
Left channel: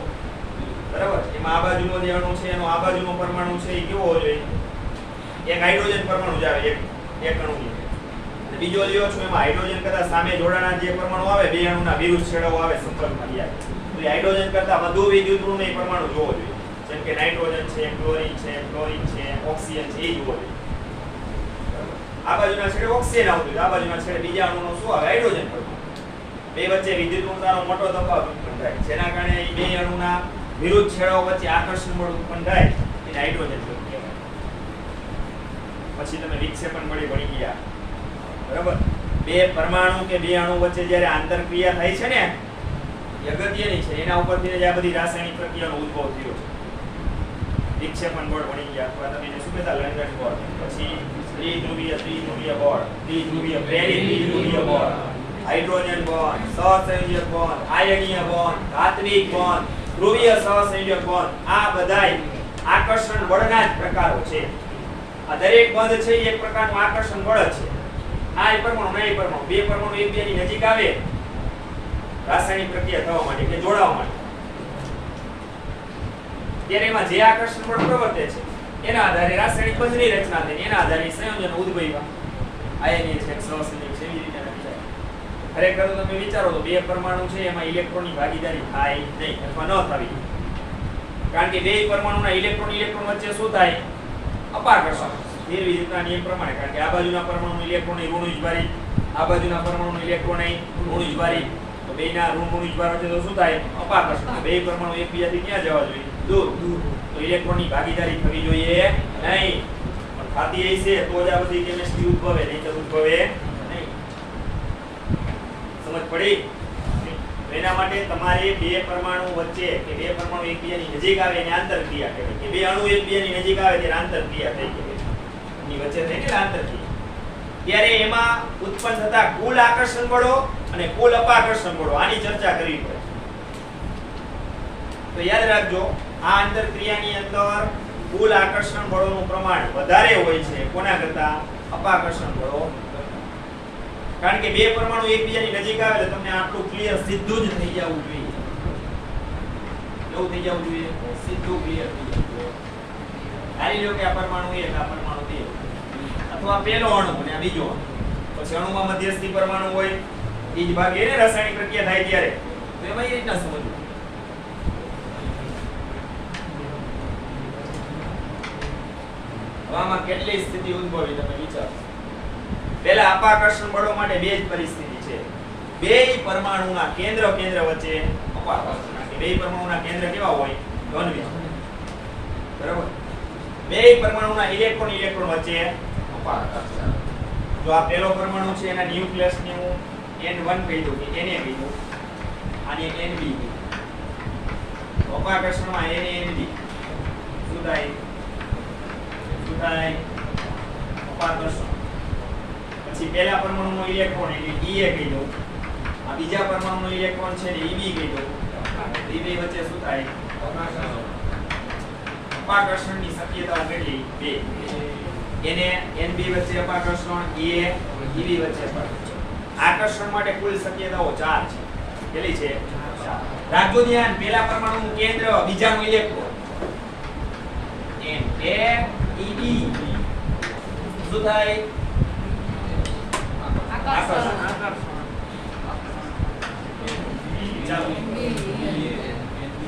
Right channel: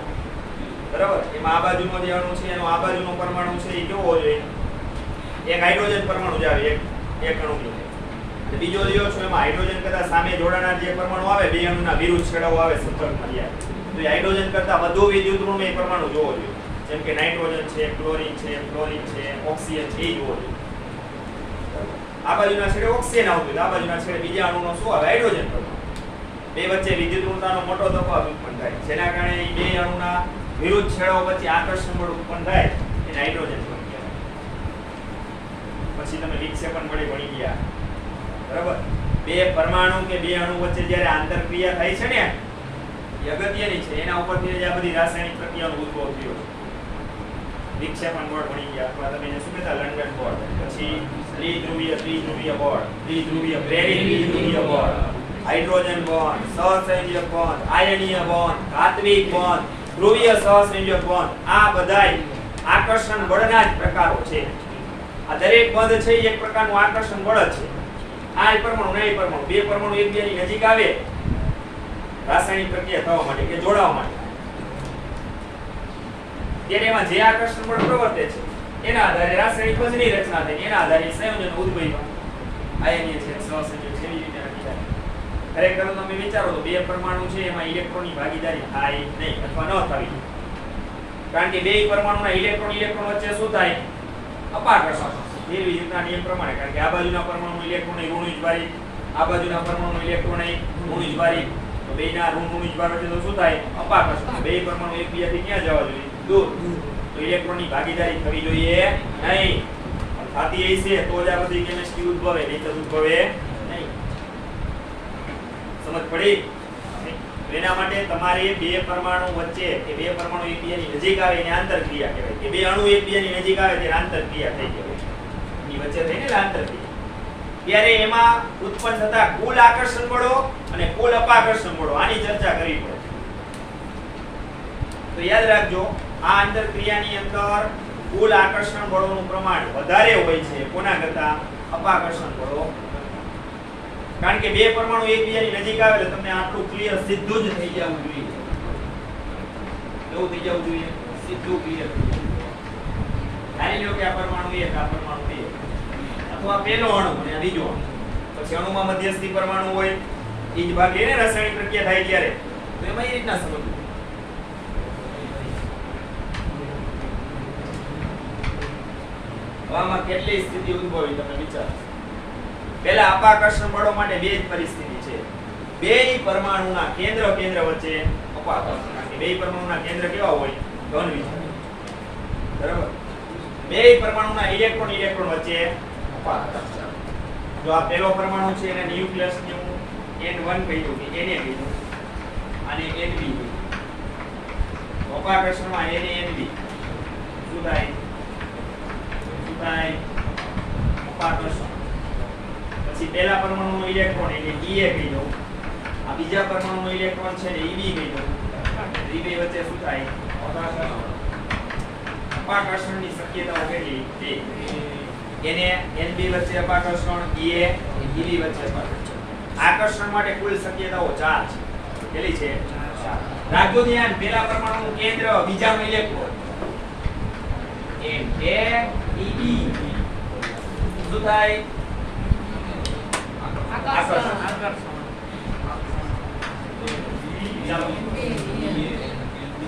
બરાબર? એમાં આ બાજુનો જે અણુ છે એનો આ બાજુનો પરમાણુ છે એ કેવો હોવો જોઈએ? એક હાઇડ્રોજન પરમાણુ જ આવે એક અણુની. બીજો લ્યો છો એમાં હાઇડ્રોજન કરતા સામે જોડાનાર જે પરમાણુ આવે બે અણુના વિરુદ્ધ છેડાઓ આવે સંપર્કમાં જાય તો એ હાઇડ્રોજન કરતા વધુ વિદ્યુત ઋણ પરમાણુ જોવો જોઈએ. જેમ કે નાઇટ્રોજન છે, ક્લોરીન છે, ફ્લોરિન છે, ઓક્સિજન છે, એ જોવો જોઈએ. આ બાજુના છેડે ઓક્સિજન આવતું, આ બાજુના છેડે બીજા અણુનો શું આવે? હાઇડ્રોજન. બે વચ્ચે વિદ્યુત ઋણતાનો મોટો તફાવત ઉત્પન્ન થાય, જેના કારણે એ બે અણુના વિરુદ્ધ છેડાઓ વચ્ચે આકર્ષણ બળ ઉત્પન્ન થાય, એને હાઇડ્રોજન બંધ કહેવાય. પછી તમે વિક્ષેપણ બળે ભણી ગયા. બરાબર? બે પરમાણુ કે બે અણુ વચ્ચે જ્યારે આંતરક્રિયા થાય છે ને એ અગત્યની છે. એના ઉપરથી જ આ બધી રાસાયણિક પ્રક્રિયાનો ઉદ્ભવ થયો છે. વિક્ષેપણ બળ ભણી ગયા, અથવા તમે એને શું કહેતા? લંડન બળ. પછી ત્રિધ્રુવીય બળ, ત્રિધ્રુવીય પ્રેરિત ત્રિધ્રુવીય બળ, હાઇડ્રોજન બંધ, સહસંયોજક બંધ, આયનીય બંધ, ધાત્વિક બંધ, ધ્રુવીય સહસંયોજક બંધ. આ બધાય આકર્ષણ બળના જ પ્રકારો છે. આ દરેક બંધ છે એ એક પ્રકારનું આકર્ષણ બળ જ છે. આ પરમાણુ નહીં પરમાણુ બે પરમાણુ એકબીજાની નજીક આવે રાસાયણિક પ્રક્રિયા થવા માટે કે જોડાવા માટે, ત્યારે એમાં જે આકર્ષણ બળ પ્રવર્તે છે એના આધારે રાસાયણિક બંધની રચના થઈ, એના આધારે સંયોજન ઉદ્ભવ્યા. આયનીય છે, સહસંયોજક છે, એવી રીતે રચાય. ખરેખર તમે વિચારો તો બે પરમાણુ છે એમાં ઇલેક્ટ્રોનની ભાગીદારી થાય નહીં અથવા ન થવી, કારણ કે બે પરમાણુના ઇલેક્ટ્રોન વચ્ચે શું થાય? અપાકર્ષણ. નિર્વિદ્યુતના નિયમ પ્રમાણે, કારણ કે આ બાજુના પરમાણુ ઇલેક્ટ્રોન ઋણ ઉજ્વારી, આ બાજુના પરમાણુ ઇલેક્ટ્રોન ઋણ ઉજ્વારી, તો બેના ઋણ ઉજ્વાર વચ્ચે તો શું થાય? અપાકર્ષણ. બે પરમાણુ એકબીજાથી ક્યાં જવા જોઈએ? દૂર. તો ઇલેક્ટ્રોનની ભાગીદારી થવી જોઈએ નહીં. પણ થતી હશે તો જ આ બધી કેમિસ્ટ્રી ઉદ્ભવે, નહીં તો ઉદ્ભવે નહીં. સમજ પડી? એના માટે તમારે બે પરમાણુ વચ્ચે કે બે પરમાણુ એકબીજાની નજીક આવે એને આંતરક્રિયા કહેવાય, કે બે અણુ એકબીજાની નજીક આવે ત્યારે આંતરક્રિયા થઈ કહેવાય. ની વચ્ચે થઈને આંતરક્રિયા. ત્યારે એમાં ઉત્પન્ન થતા કુલ આકર્ષણ બળો અને કુલ અપાકર્ષણ બળો આની ચર્ચા કરવી પડે. તો યાદ રાખજો, આ આંતરક્રિયાની અંદર કુલ આકર્ષણ બળોનું પ્રમાણ વધારે હોય છે કોના કરતા? અપાકર્ષણ બળો. કારણ કે બે પરમાણુ એકબીજાની નજીક આવે એટલે તમને આટલું ક્લિયર સીધું જ થઈ જવું જોઈએ. કેવું થઈ જવું જોઈએ? સીધું ક્લિયર થઈ જવું જોઈએ. ધારી લો કે આ પરમાણુ એક, આ પરમાણુ બે, અથવા પહેલો અણુ અને આ બીજો અણુ. પછી અણુમાં મધ્યસ્થી પરમાણુ હોય, એ જ ભાગ લઈને રાસાયણિક પ્રક્રિયા થાય ત્યારે તો એમાં એ રીતના સમજવું. આમાં કેટલી સ્થિતિ ઉદ્ભવી તમે વિચારો. પહેલા અપાકર્ષણ બળો માટે બે જ પરિસ્થિતિ છે. બેય પરમાણુના કેન્દ્ર વચ્ચે અપાકર્ષણ. કારણ કે બેય પરમાણુના કેન્દ્ર કેવા હોય? ધન વિચલિત. બરાબર? બેય પરમાણુના ઇલેક્ટ્રોન વચ્ચે અપાકર્ષણ. જો આ પહેલો પરમાણુ છે એના ન્યુક્લિયસને હું N1 કહી દઉં કે Na કહી દઉં, આને Nb કહી દઉં. અપાકર્ષણમાં Na Nb શું થાય? અપાકર્ષણ. પછી પહેલા પરમાણુનો ઇલેક્ટ્રોન એટલે Ea કહી દઉં, આ બીજા પરમાણુનો ઇલેક્ટ્રોન છે ને Eb કહી દઉં. એ બે વચ્ચે શું થાય? અપાકર્ષણની શક્યતાઓ કેટલી? બે. એને Nb વચ્ચે અપાકર્ષણ, Ea Eb વચ્ચે અપાકર્ષણ. આકર્ષણ માટે કુલ શક્યતાઓ 4 છે. કેટલી છે? 4. રાખજો ધ્યાન, પહેલા પરમાણુનું કેન્દ્ર, બીજાનો ઇલેક્ટ્રોન Na Eb શું થાય? આકર્ષણ. ચાલો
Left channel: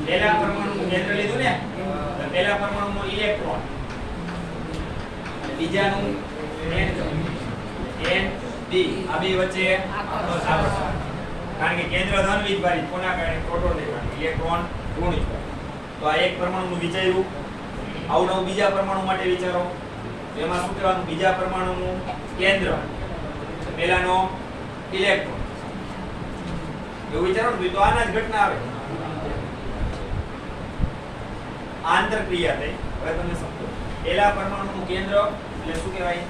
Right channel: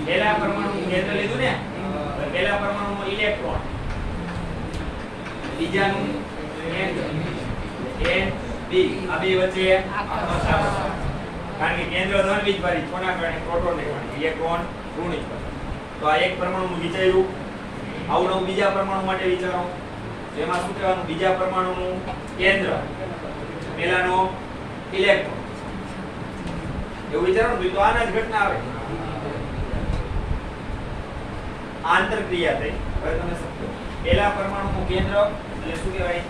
પહેલા પરમાણુનું કેન્દ્ર લીધું ને, તો પહેલા પરમાણુનો ઇલેક્ટ્રોન, બીજાનું કેન્દ્ર Nb, આ બે વચ્ચે આકર્ષણ. કારણ કે કેન્દ્ર ધન વીજભારિત, કોના કારણે? પ્રોટોન ને કારણે. ઇલેક્ટ્રોન ઋણ વીજભારિત. તો આ એક પરમાણુનું વિચાર્યું. આવું નવું બીજા પરમાણુ માટે વિચારો. એમાં શું કહેવાનું? બીજા પરમાણુનું કેન્દ્ર, પહેલાનો ઇલેક્ટ્રોન. એવું વિચારો ને તો આના જ ઘટના આવે. આંતરક્રિયા થઈ. હવે તમે સમજો, પહેલા પરમાણુનું કેન્દ્ર એટલે શું કહેવાય?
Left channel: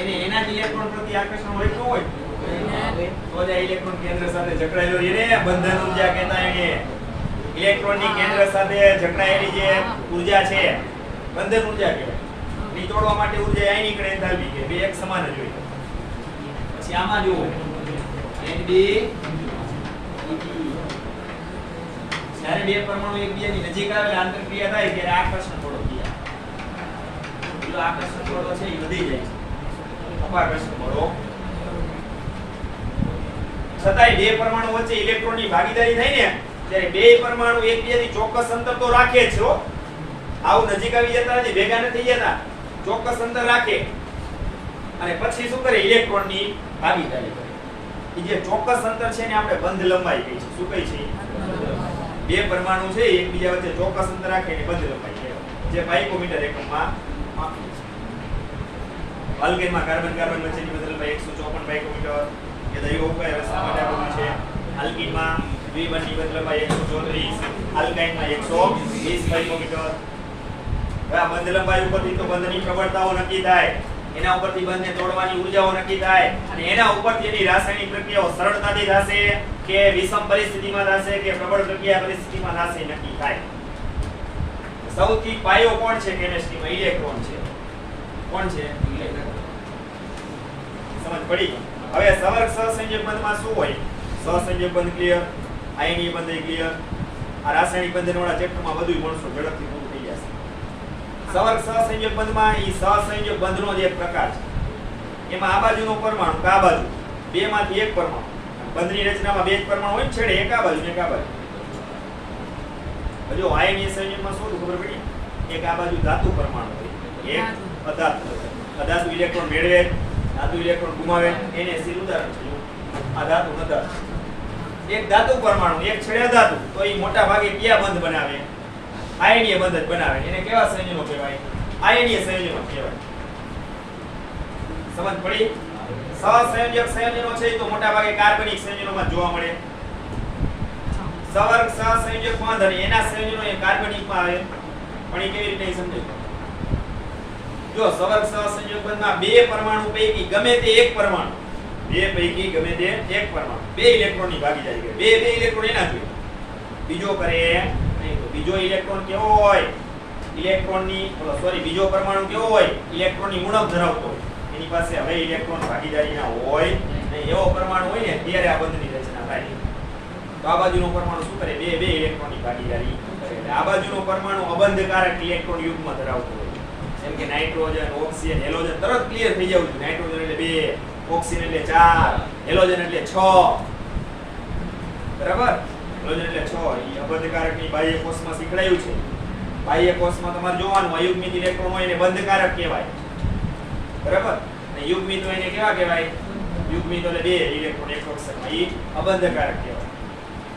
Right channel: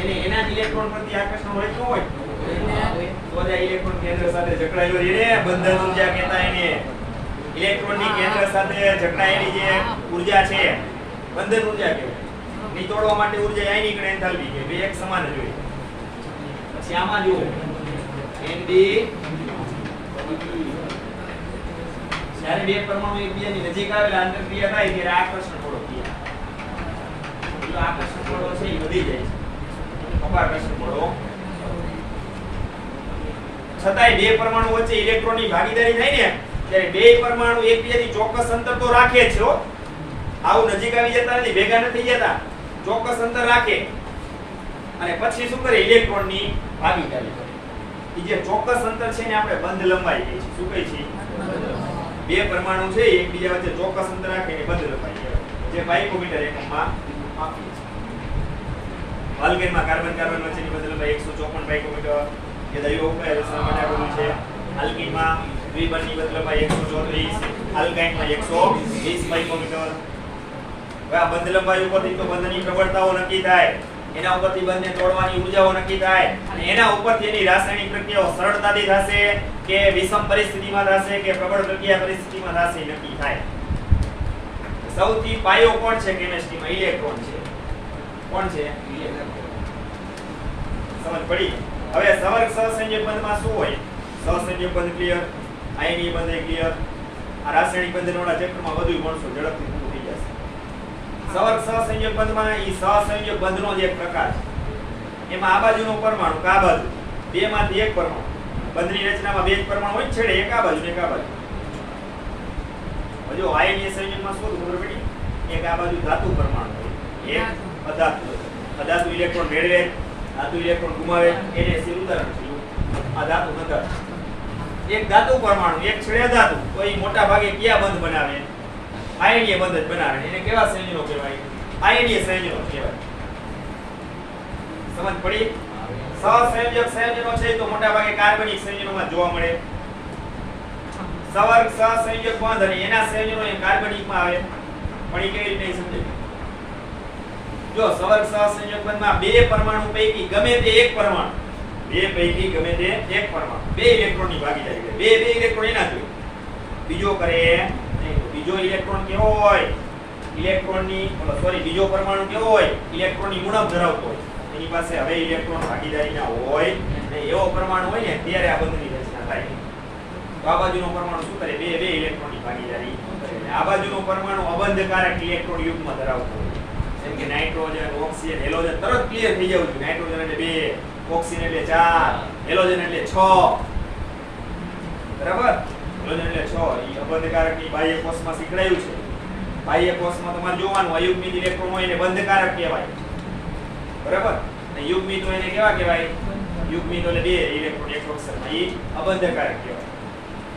એને એના જ ઇલેક્ટ્રોન પ્રતિ આકર્ષણ હોય તો હોય તો જ આ ઇલેક્ટ્રોન કેન્દ્ર સાથે જકડાયેલો છે ને, બંધન ઊર્જા કહેતા એને. ઇલેક્ટ્રોનની કેન્દ્ર સાથે જકડાયેલી જે ઊર્જા છે બંધન ઊર્જા કહેવાય. નીતોડવા માટે ઊર્જા આયનિક અને એન્થાલ્પી કે બે એક સમાન જ હોય. પછી આમાં જુઓ Nb, જ્યારે બે પરમાણુ એકબીજાની નજીક આવે આંતરક્રિયા થાય ત્યારે આકર્ષણ બળો થાય. એટલે આકર્ષણ બળો છે એ વધી જાય છે. અપાકર્ષણ બળો. છતાંય બે પરમાણુ વચ્ચે ઇલેક્ટ્રોનની ભાગીદારી થાય ને ત્યારે બે પરમાણુ એકબીજાથી ચોક્કસ અંતર તો રાખે છે હો. આવું નજીક આવી જતા નથી, ભેગા નથી જતા, ચોક્કસ અંતર રાખે. અને પછી શું કરે? ઇલેક્ટ્રોનની ભાગીદારી કરે. એ જે ચોક્કસ અંતર છે ને આપણે બંધ લંબાઈ કહે છે. શું કહે છે? બે પરમાણુ છે એકબીજા વચ્ચે ચોક્કસ અંતર રાખે ને બંધ લંબાઈ કહેવાય, જે પાઇકોમીટર એકમમાં માપીએ છીએ. આલ્કેનમાં કાર્બન વચ્ચેની બંધ લંબાઈ 154 પાઇકોમીટર. એ દૈવ ઉપાય હવે શા માટે આપણું છે? આલ્કીનમાં દ્વિબંધની બંધ લંબાઈ 134, આલ્કાઇનમાં 120 પાઇકોમીટર. હવે આ બંધ લંબાઈ ઉપરથી તો બંધની પ્રબળતાઓ નક્કી થાય, એના ઉપરથી બંધને તોડવાની ઊર્જાઓ નક્કી થાય, અને એના ઉપરથી એની રાસાયણિક પ્રક્રિયાઓ સરળતાથી થશે કે વિષમ પરિસ્થિતિમાં થશે કે પ્રબળ પ્રક્રિયા પરિસ્થિતિમાં થશે નક્કી થાય. સૌથી પાયો કોણ છે કેમિસ્ટ્રીમાં? ઇલેક્ટ્રોન છે. કોણ છે? ઇલેક્ટ્રોન. સમજ પડી? હવે સંવર્ગ સહસંયોજક બંધમાં શું હોય? સહસંયોજક બંધ ક્લિયર, આયનીય બંધ ક્લિયર. આ રાસાયણિક બંધનવાળા ચેપ્ટરમાં બધું ભણશો, ઝડપથી પૂરું થઈ જશે. સંવર્ગ સહસંયોજક બંધમાં ઈ સહસંયોજક બંધનો જ એક પ્રકાર છે. એમાં આ બાજુનો પરમાણુ કે આ બાજુ, બેમાંથી એક પરમાણુ. બંધની રચનામાં બે જ પરમાણુ હોય, છેડે એક આ બાજુ ને એક આ બાજુ. જો આયનીય સંયોજકમાં શું ખબર પડી? એક આ બાજુ ધાતુ પરમાણુ હોય, એક અધાતુ હોય. અધાતુ ઇલેક્ટ્રોન મેળવે, ધાતુ ઇલેક્ટ્રોન ગુમાવે, એને સીધું ઉદાહરણ છે. આ ધાતુ નધર. એક ધાતુ પરમાણુ, એક છેડે અધાતુ, તો એ મોટા ભાગે કયા બંધ બનાવે? આયનીય બંધ જ બનાવે. એને કેવા સંયોજનો કહેવાય? આયનીય સંયોજનો કહેવાય. સમજ પડી? સહસંયોજક સંયોજનો છે તો મોટા ભાગે કાર્બનિક સંયોજનોમાં જોવા મળે. સવર્ગ સહસંયોજક બંધ અને એના સંયોજનો એ કાર્બનિકમાં આવે. પણ એ કેવી રીતે સમજે? જો સવર્ગ સહસંયોજક બંધમાં બે પરમાણુ પૈકી ગમે તે એક પરમાણુ, બે પૈકી ગમે તે એક પરમાણુ બે ઇલેક્ટ્રોનની ભાગીદારી કરે. બે ઇલેક્ટ્રોન એના જોઈએ, બીજો કરે નહીં. તો બીજો ઇલેક્ટ્રોન કેવો હોય? બીજો પરમાણુ કેવો હોય? ઇલેક્ટ્રોનની ઉણપ ધરાવતો હોય. એની પાસે હવે ઇલેક્ટ્રોન ભાગીદારી ના હોય ને એવો પરમાણુ હોય ને ત્યારે આ બંધની રચના થાય. તો આ બાજુનો પરમાણુ શું કરે? બે ઇલેક્ટ્રોનની ભાગીદારી કરે. આ બાજુનો પરમાણુ અબંધકારક ઇલેક્ટ્રોન યુગ્મ ધરાવતો હોય, જેમ કે નાઇટ્રોજન, ઓક્સિજન, હેલોજન. તરત ક્લિયર થઈ જવું જોઈએ. નાઇટ્રોજન એટલે 2, ઓક્સિજન એટલે 4, હેલોજન એટલે 6. બરાબર? હેલોજન એટલે 6. એ અબંધકારકની બાહ્ય કોષમાં શીખડાયું છે. બાહ્ય કોષમાં તમારે જોવાનું અયુગ્મિક ઇલેક્ટ્રોન હોય એને બંધકારક કહેવાય. બરાબર. અને યુગ્મિતો એને કેવા કહેવાય? યુગ્મિતો એટલે બે ઇલેક્ટ્રોન એક કક્ષકમાં, એ અબંધકારક કહેવાય.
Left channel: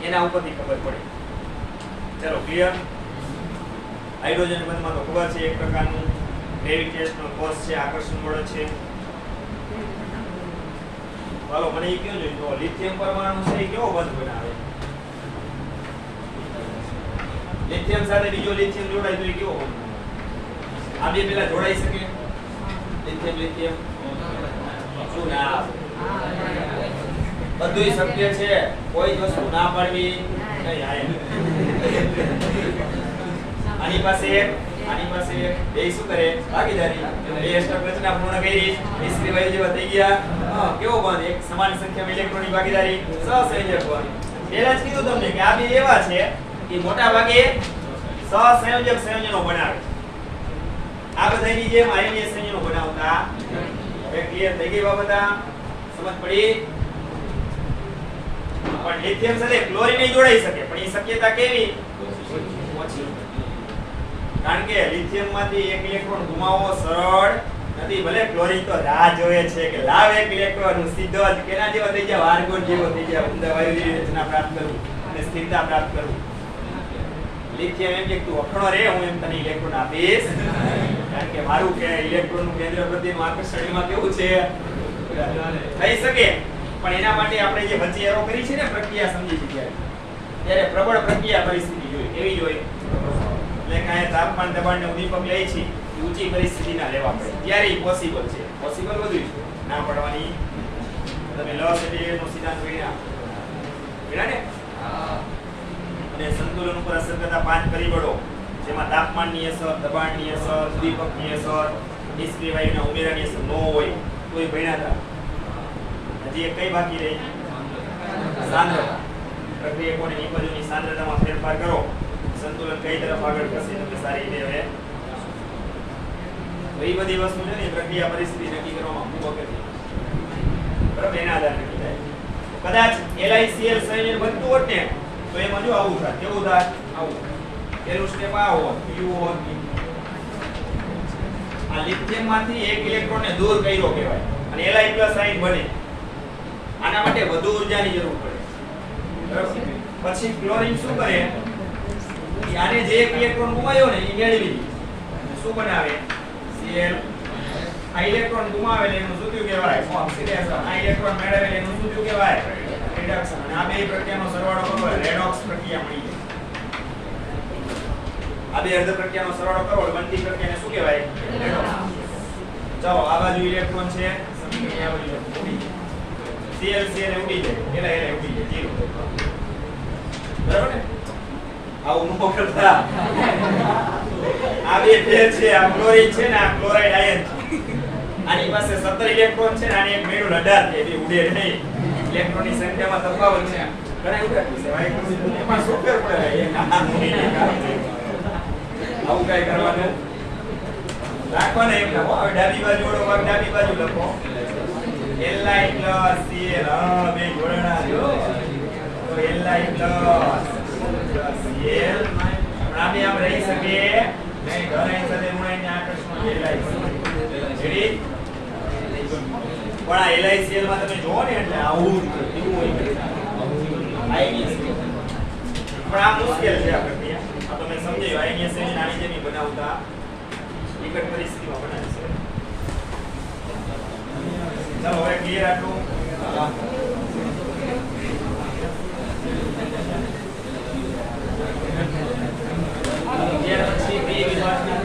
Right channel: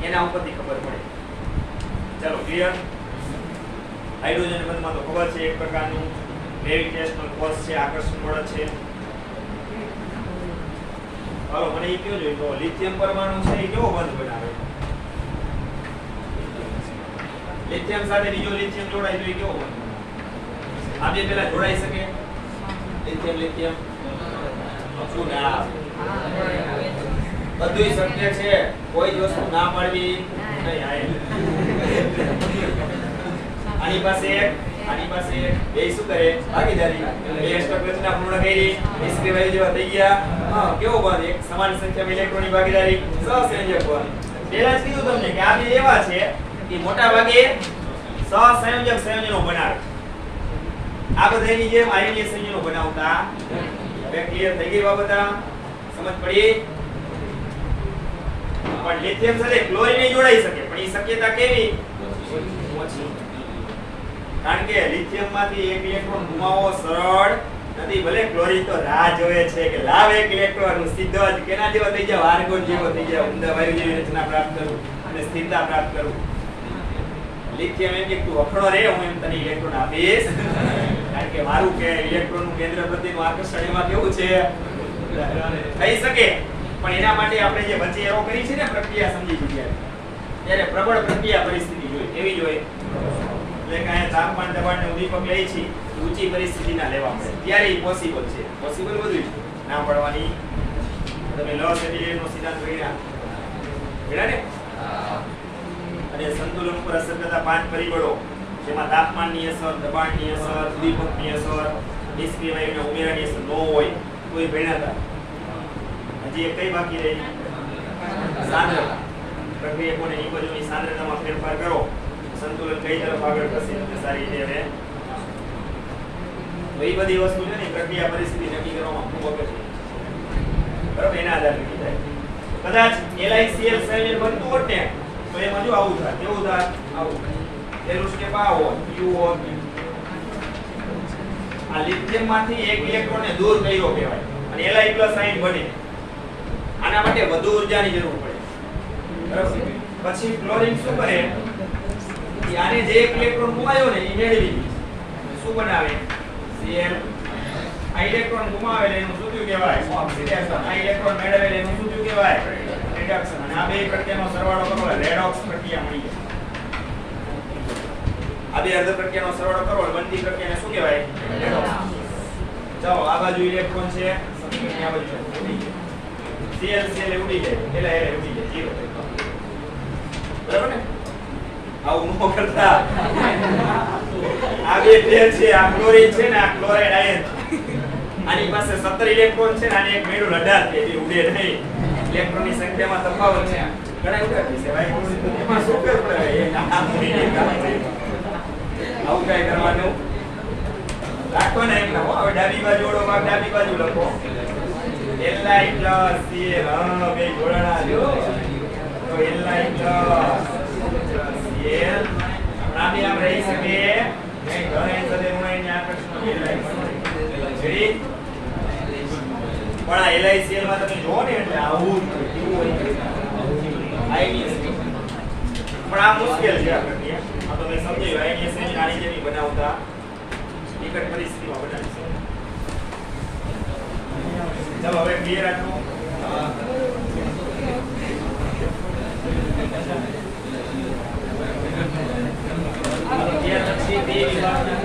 એના ઉપરથી ખબર પડે. ચાલો ક્લિયર. હાઇડ્રોજન બંધમાં તો ખબર છે એક પ્રકારનું ગ્રેવિટેશનલ ફોર્સ છે, આકર્ષણ બળ છે. હાલો મને એ કેવું જોઈએ તો લિથિયમ પરમાણુ છે એ કેવો બંધ બનાવે? લિથિયમ સાથે બીજો લિથિયમ જોડાય તો એ કેવો બંધ બનાવે? આ બે પેલા જોડાઈ શકે? લિથિયમ લિથિયમ શું ના? બધું શક્ય છે, કોઈ જ વસ્તુ ના પાડવી નહીં. આની પાસે એક બે શું કરે? ભાગીદારી. બે અષ્ટક રચના પૂર્ણ કરી, નિષ્ક્રિય વાયુ જેવા થઈ ગયા. કેવો બંધ? એક સમાન સંખ્યામાં ઇલેક્ટ્રોનની ભાગીદારી, સહસંયોજક બંધ. પહેલા જ કીધું તમને કે આ બે એવા છે કે મોટા ભાગે સહસંયોજક સંયોજનો બનાવે. આ બધાની જેમ આયનીય સંયોજનો બનાવતા. હવે ક્લિયર થઈ ગઈ બાબત? સમજ પડી? પણ લિથિયમ સાથે ક્લોરીન જોડાઈ શકે, પણ એ શક્યતા કેવી? ઓછી. કારણ કે લિથિયમ માંથી એક ઇલેક્ટ્રોન ગુમાવવો સરળ નથી. ભલે ક્લોરીન તો રાહ જોવે છે કે લાવ એક ઇલેક્ટ્રોન સીધો જ કેના જેવો થઈ જાય, વાર્ગોન જેવો થઈ જાય, ઊંડા વાયુ જેવી રચના પ્રાપ્ત કરું અને સ્થિરતા પ્રાપ્ત કરું. લિથિયમ એમ કે તું અખડો રે, હું એમ તને ઇલેક્ટ્રોન આપીશ. કારણ કે મારું કે ઇલેક્ટ્રોન નું કેન્દ્ર પ્રત્યેનું આકર્ષણ એમાં કેવું છે? થઈ શકે. પણ એના માટે આપણે જે વચ્ચે એરો કરી છે ને પ્રક્રિયા સમજી લીધી, ત્યારે પ્રબળ પ્રક્રિયા પરિસ્થિતિ જોઈએ. કેવી જોઈએ? એટલે કે અહીંયા તાપમાન દબાણને ઉદ્દીપક લઈ છે, ઊંચી પરિસ્થિતિના લેવા પડે ત્યારે ઈ પોસિબલ છે. પોસિબલ બધું ના પડવાની. તમે લોસ એલિમેન્ટનો સિદ્ધાંત જોયા ને? અને સંતુલન ઉપર અસર કરતા 5 પરિબળો, જેમાં તાપમાનની અસર, દબાણની અસર, ઉદ્દીપકની અસર, નિષ્ક્રિય વાયુના ઉમેરાની અસર ન હોય તો એ ભણ્યા હતા. હજી એક કઈ બાકી રહી? સાંદ્રતા. પ્રક્રિયકોને એ બાજુની સાંદ્રતામાં ફેરફાર કરો, સંતુલન કઈ તરફ આગળ કરશે તમે સારી રીતે હવે એ બધી વસ્તુ છે ને પ્રક્રિયા પરિસ્થિતિ નક્કી કરવામાં ખૂબ અગત્યની. બરાબર, એના આધારે નક્કી થાય. કદાચ LiCl સંયોજન બનતું હોત ને તો એમાં જો આવું થાય. કેવું થાય? આવું. પહેલું સ્ટેપ આ હોત, U હોત. આ લિથિયમ માંથી એક ઇલેક્ટ્રોન ને દૂર કર્યો કહેવાય અને Li+ આયન બને. આના માટે વધુ ઊર્જાની જરૂર પડે. બરાબર. પછી ક્લોરીન શું કરે? આને જે એક ઇલેક્ટ્રોન ગુમાવ્યો ને એ મેળવી શું બનાવે? Cl. આ ઇલેક્ટ્રોન ગુમાવેલ એનું શું થયું કહેવાય? ઓક્સિડેશન. આ ઇલેક્ટ્રોન મેળવેલ એનું શું થયું કહેવાય? રિડક્શન. અને આ બે પ્રક્રિયાનો સરવાળો કરો એટલે રેડોક્સ પ્રક્રિયા મળી જાય. આ બે અર્ધ પ્રક્રિયાનો સરવાળો કરો એટલે બનતી પ્રક્રિયાને શું કહેવાય? રેડોક્સ. ચાલો આ બાજુ ઇલેક્ટ્રોન છે, સમીકરણ આ બાજુ છે. Cl ઉડી જાય, Li ઉડી જાય, 0. બરાબર ને? આવું નો કરતા. આ બે પેર છે, આ ક્લોરીન છે ને આ ક્લોરાઇડ આયન. આની પાસે 17 ઇલેક્ટ્રોન છે ને આને એક મેળો 18 છે, એટલે ઉડે નહીં. ઇલેક્ટ્રોનની સંખ્યામાં તફાવત છે. ઘણા ઉડાડી છે ભાઈ, એમાં શું ફેર પડે? એ ના મુની કામ છે. આવું કઈ કરવાનું રાખો ને એમ ના હો. હવે ડાબી બાજુ ઓળો ભાગ ડાબી બાજુ લખો. Li + Cl. હા બે જોડાણા જો. તો Li + Cl આમ રહી શકે નહીં. ધરાઈ સાથે ઋણાઈને આકર્ષણ Li રેડી. પણ આ LiCl માં તમે જોવો ને એટલે આવું કેવું હોય આયનીય પણ આ મુશ્કેલ છે આ પ્રક્રિયા. આ તમે સમજાયું આયનીય સંયોજન આની જેની બનાવતા નિકટ પરિસ્થિતિમાં બનાવી છે. ચાલો હવે ક્લિયર આટલું. પછી બે વિભાગના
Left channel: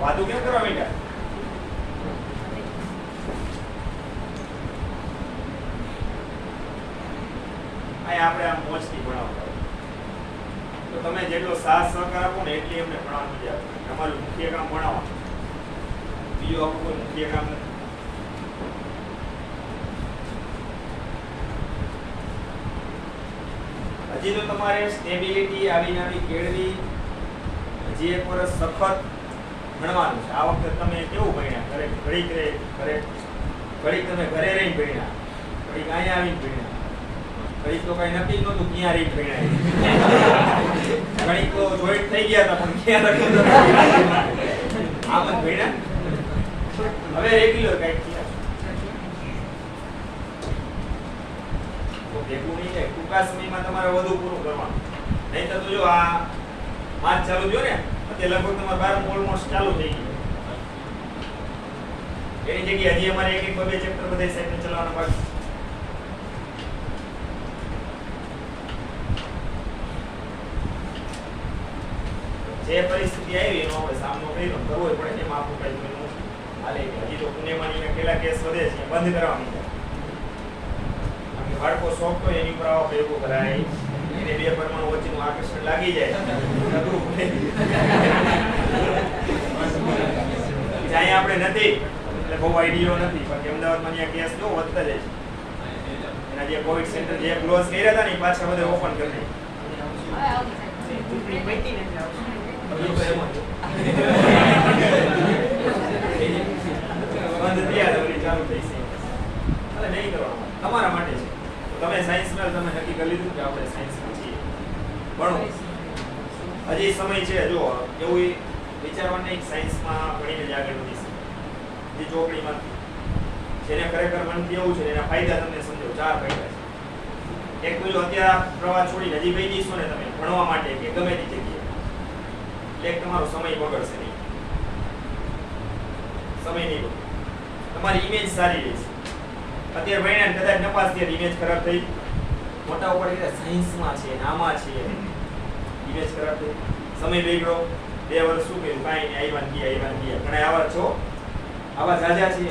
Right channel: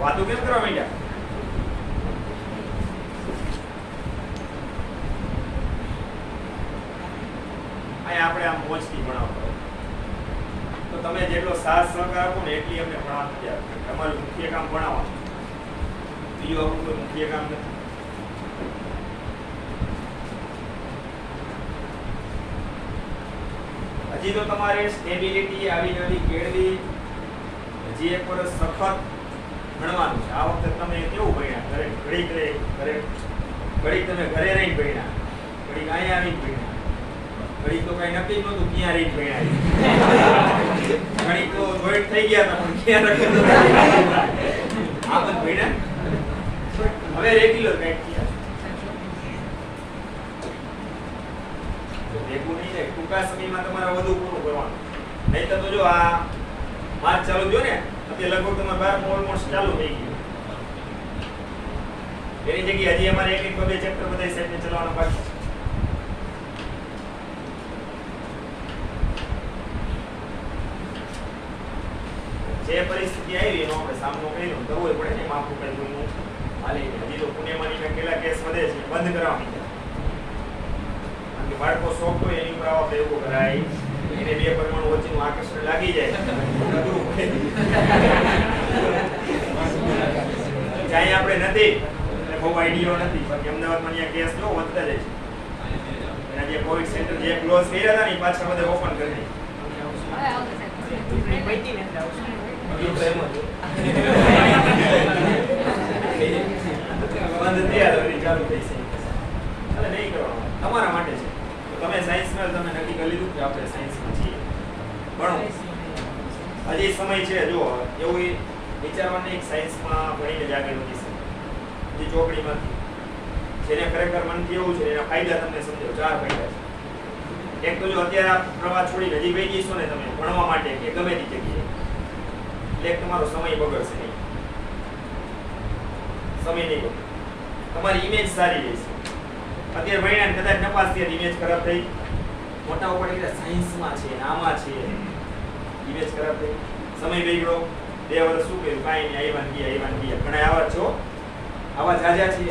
વાતો કેમ કરવા માંડ્યા? આપણે આમ મોજથી ભણાવતા હોય તો તમે જેટલો સાથ સહકાર આપો ને એટલી એમને ભણાવવા મજા આવે. તમારું મુખ્ય કામ ભણાવવાનું, બીજું આપણું કોઈ મુખ્ય કામ નથી. હજી તો તમારે સ્ટેબિલિટી આવી કેળવી, હજી એક વર્ષ સખત ભણવાનું છે. આ વખતે તમે કેવું ભણ્યા? ઘડીક તમે ઘરે રહીને ભણ્યા, ઘડીક અહીંયા આવીને ભણ્યા, ઘડીક તો કઈ નક્કી જ નહોતું ક્યાં રહીને ભણ્યા, ઘડીક તો જોઈન્ટ થઈ ગયા હતા પણ ક્યાં નક્કી નહોતું. આમ જ ભણ્યા. હવે રેગ્યુલર કઈક થયા ભેગું નહીં થાય. ટૂંકા સમયમાં તમારે વધુ પૂરું કરવાનું, નહીતર તો જો આ માર્ચ ચાલુ થયો ને, અત્યારે લગભગ તમારે 12 ઓલમોસ્ટ ચાલુ થઈ ગયું. એની જગ્યાએ હજી અમારે એક બે ચેપ્ટર બધા સાઈડને ચલાવવાના બાકી. જે પરિસ્થિતિ આવી એનો આપણે સામનો કરીને કરવો પડે ને. એમાં આપણું કઈ કોઈનું હાલે નહીં. હજી તો પુણેમાં પેલા કેસ વધે છે, બંધ કરવા માંડ્યા. બાળકો શોખ હોય એની ઉપર આવા પ્રયોગો કરાય, એને બે પરમાણુ વચ્ચેનું આકર્ષણ લાગી જાય, જ્યાં આપણે નથી એટલે બહુ આઈડિયો નથી. બાકી અમદાવાદમાં ત્યાં કેસ જો વધતા જાય છે. એના જે કોવિડ સેન્ટર જે ક્લોઝ કર્યા હતા ને પાછા બધા ઓપન કરી દે. બંધ થયા ચાલુ થઈ છે. નહીં કરવાનું, તમારા માટે છે. તમે સાયન્સમાં તમે નક્કી કરી લીધું કે આપણે સાયન્સમાં છીએ, ભણો. હજી સમય છે. જો એવું વિચારવાનું નહીં સાયન્સમાં ભણીને જ આગળ વધી શકે. જે ચોકડીમાંથી જેને ખરેખર મનથી એવું છે એના ફાયદા તમને સમજાવું. 4 ફાયદા છે. એક તો જો અત્યારે પ્રવાહ છોડીને હજી ગઈ જઈશો ને તમે ભણવા માટે કે ગમે તે જગ્યાએ, એટલે તમારો સમય બગડશે નહીં. સમય નહીં બગડે, તમારી ઇમેજ સારી રહેશે. અત્યારે ભણ્યા કદાચ નપાસ થયા, ઇમેજ ખરાબ થઈ. મોટા ઉપર કીધા સાયન્સમાં છે, આમાં છે, ઇમેજ ખરાબ થઈ, સમય બગડ્યો. 2 વર્ષ શું કર્યું? કાંઈ નહીં, આવ્યા ગયા. ઘણા આવા છો, આવા જાજા છે.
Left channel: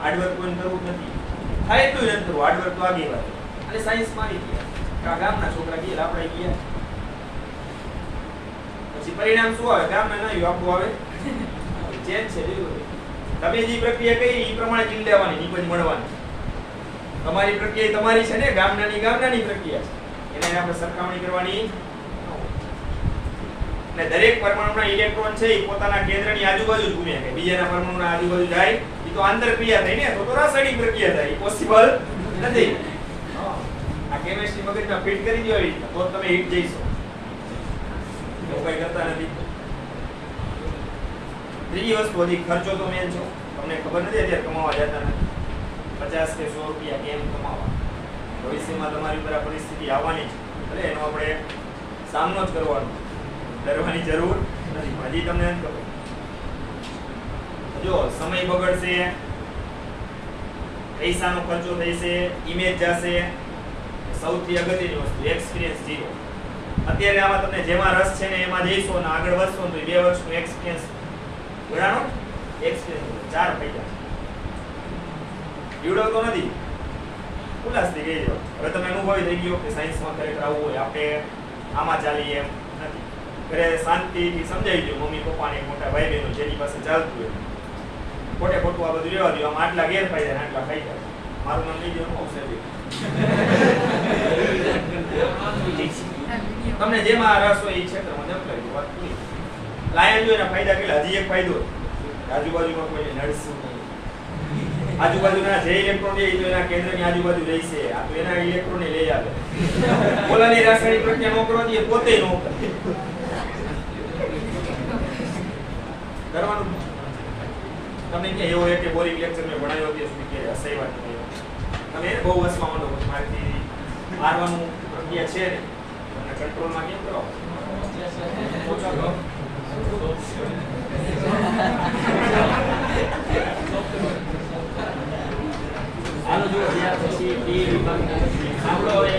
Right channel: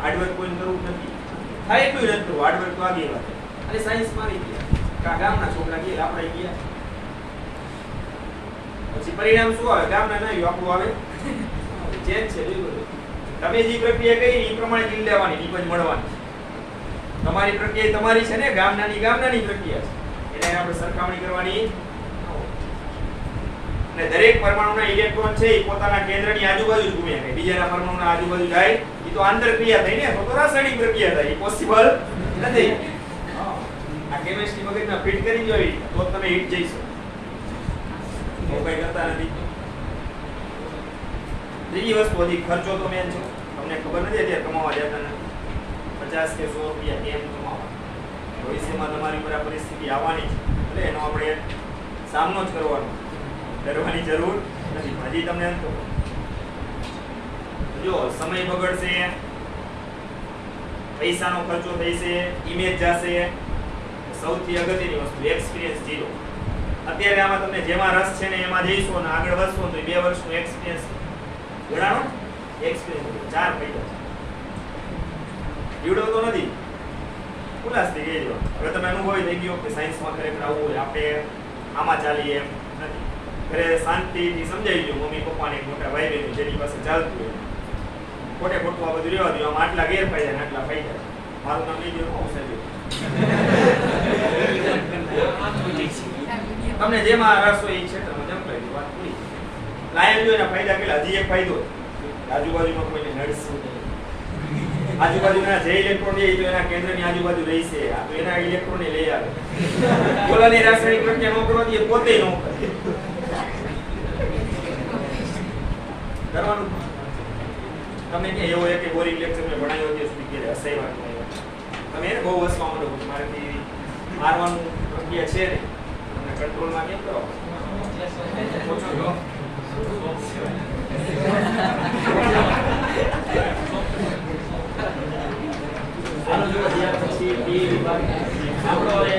હાર્ડવર્ક કોઈ કરવું નથી, થાય એટલું નથી કરવું. હાર્ડવર્ક તો આગી વાત. અને સાયન્સમાં આવી ગયા, ગામના છોકરા ગયા, આપણે ગયા. પછી પરિણામ શું આવે? ગામના ના આવ્યું, આપણું આવે. ચેન્જ છે બિલકુલ. તમે જે પ્રક્રિયા કરી એ પ્રમાણે જીલ લેવાની, નીપજ મળવાની. તમારી પ્રક્રિયા તમારી છે ને, ગામનાની પ્રક્રિયા છે, એને આપણે સરખામણી કરવાની. અને દરેક પરમાણુના ઇલેક્ટ્રોન છે એ પોતાના કેન્દ્રની આજુબાજુ ઘૂમે છે. બીજાના પરમાણુના આજુબાજુ જાય એ તો આંતરક્રિયા થઈ ને, તો રાસાયણિક પ્રક્રિયા થાય. એ પોસિબલ નથી. આ કેમિસ્ટ્રી મગજમાં ફિટ કરી દો તો તમે હિટ જઈશો. તો કઈ કરતા નથી. ત્રીજી વસ્તુ હતી ખર્ચો. તો મેન છો, તમને ખબર નથી અત્યારે કમાવા જતા નથી. 50 કે 100 રૂપિયા કેમ કમાવા? ભવિષ્યમાં તમારી ઉપર આ પરિસ્થિતિ આવવાની છે, એટલે એનો આપણે સામનો જ કરવાનો, ડરવાની જરૂર નથી. હજી તમને એમ કહું, જો સમય બગડશે, પૈસાનો ખર્ચો થશે, ઇમેજ જશે. સૌથી અગત્યની વસ્તુ એક્સપિરિયન્સ 0. અત્યારે આમાં તમને જેમાં રસ છે ને એમાં જઈશો ને આગળ વધશો તો 2 વર્ષનો એક્સપિરિયન્સ ગણાનો. એક્સપિરિયન્સ 4 ફાયદા જીવડવતો નથી, ઉલ્લાસ થઈ ગયો. હવે તમે અનુભવી થઈ ગયો કે સાયન્સમાં ખરેખર આવું હોય, આપણે આમાં ચાલીએ એમ નથી. ઘરે શાંતિથી સમજાવી દો મમ્મી પપ્પાને, મોટા ભાઈ બહેનો જેની પાસે ચાલતું હોય. ખોટે ખોટું આ બધું રહેવા દો. આમાં આટલા ગેરફાયદા ને આટલા ફાયદા. મારું નામ નહીં જોયું સાહેબ. તમને જેમાં રસ હોય એ ક્ષેત્રમાં જમ્પ કરી દો, વાત પૂરી. લાયન જો એના ફાયદા કેટલા. હજી એક ફાયદો, આજુબાજુમાં કોઈને નડશું નહીં. આજુબાજુના જે ઇલેક્ટ્રોન લે તો એના કેન્દ્રની આજુબાજુ રહેશે. આ તો એના ઇલેક્ટ્રોન લઈ આવે. ઓલાની રાસાયણિક પ્રક્રિયા નો કરવાથી એ પોતે નો કરે. કરવાનું તમને ક્યાં એવો એક બોરિંગ લેક્ચર મેં ભણાવ્યો તે સુધી કે હસાઈવાનું તમે એને બહુ હસવા માંડો. મારેથી મારવાનું પ્રક્રિયા છે ને, તમે કંટ્રોલમાં કેમ કરો? આનો જો ત્યાર પછી આપણો હવે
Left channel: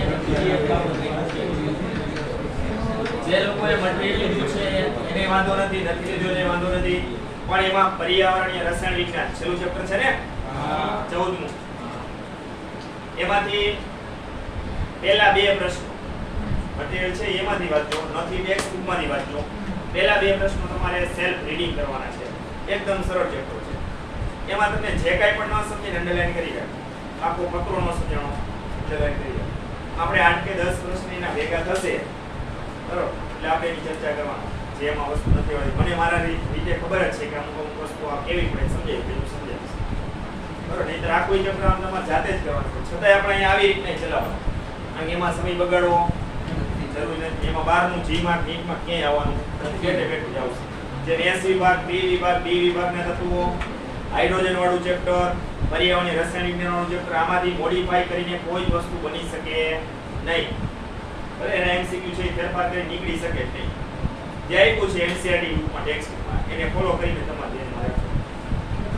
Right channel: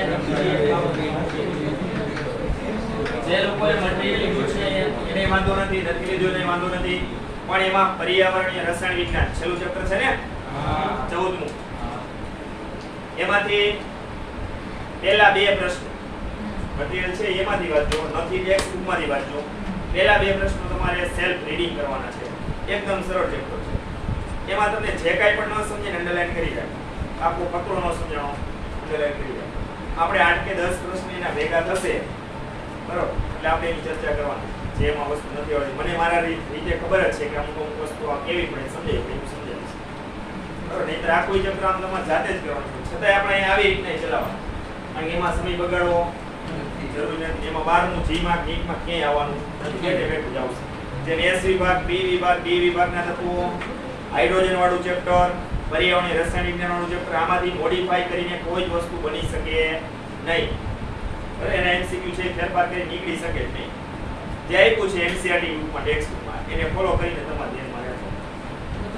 જે લોકોએ મટીરિયલ લીધું છે એને વાંધો નથી, નથી લીધું એને વાંધો નથી. પણ એમાં પર્યાવરણીય રસાયણ વિજ્ઞાન છેલ્લું ચેપ્ટર છે ને, 14મું. એમાંથી પહેલા 2 પ્રશ્નો મટીરિયલ છે એમાંથી વાંચો, નથી ટેક્સ્ટ બુકમાંથી વાંચો. પહેલા 2 પ્રશ્નો તમારે સેલ્ફ રીડિંગ કરવાના છે. એકદમ સરળ ચેપ્ટર છે. એમાં તમને જે કાંઈ પણ ન સમજે અંડરલાઈન કરી રાખો. આખો ફકરો ન સમજણો અંડરલાઈન કરી રાખો. આપણે 8 કે 10 પ્રશ્નોના ભેગા થશે બરોબર, એટલે આપણે એની ચર્ચા કરવાના છે. એમાં વસ્તુ નથી આવતી. મને મારા રીતે ખબર જ છે કે અમુક વસ્તુ આ કેવી પડે સમજાય તો સમજાવીશ બરોબર. નહીંતર આખું ચક્ર આમ તમારે જાતે જ કરવાનું છે. છતાંય આપણે અહીંયા આવી રીતના ચલાવવાનું, કારણ કે એમાં સમય બગાડવો જરૂરી નથી. એમાં 12મું જીમાં નીટમાં ક્યાંય આવવાનું બેઠે બેઠું જ આવશે. જેમ એસ વિભાગ, બી વિભાગ, ડી વિભાગના તત્વો, હાઇડ્રોજન વાળું ચેપ્ટર, પર્યાવરણીય રસાયણ વિજ્ઞાન વાળું ચેપ્ટર, આમાંથી મોડિફાઈ કરીને કોઈ જ વસ્તુ બની શકે નહીં. અરે એના એમસીક્યુ છે ફેરફાર કરી નીકળી શકે જ નહીં. જે આપ્યું છે એનસીઆરટી બુકમાં ટેક્સ્ટમાં એને ફોલો કરીને તમારે ધ્યાનમાં રાખો.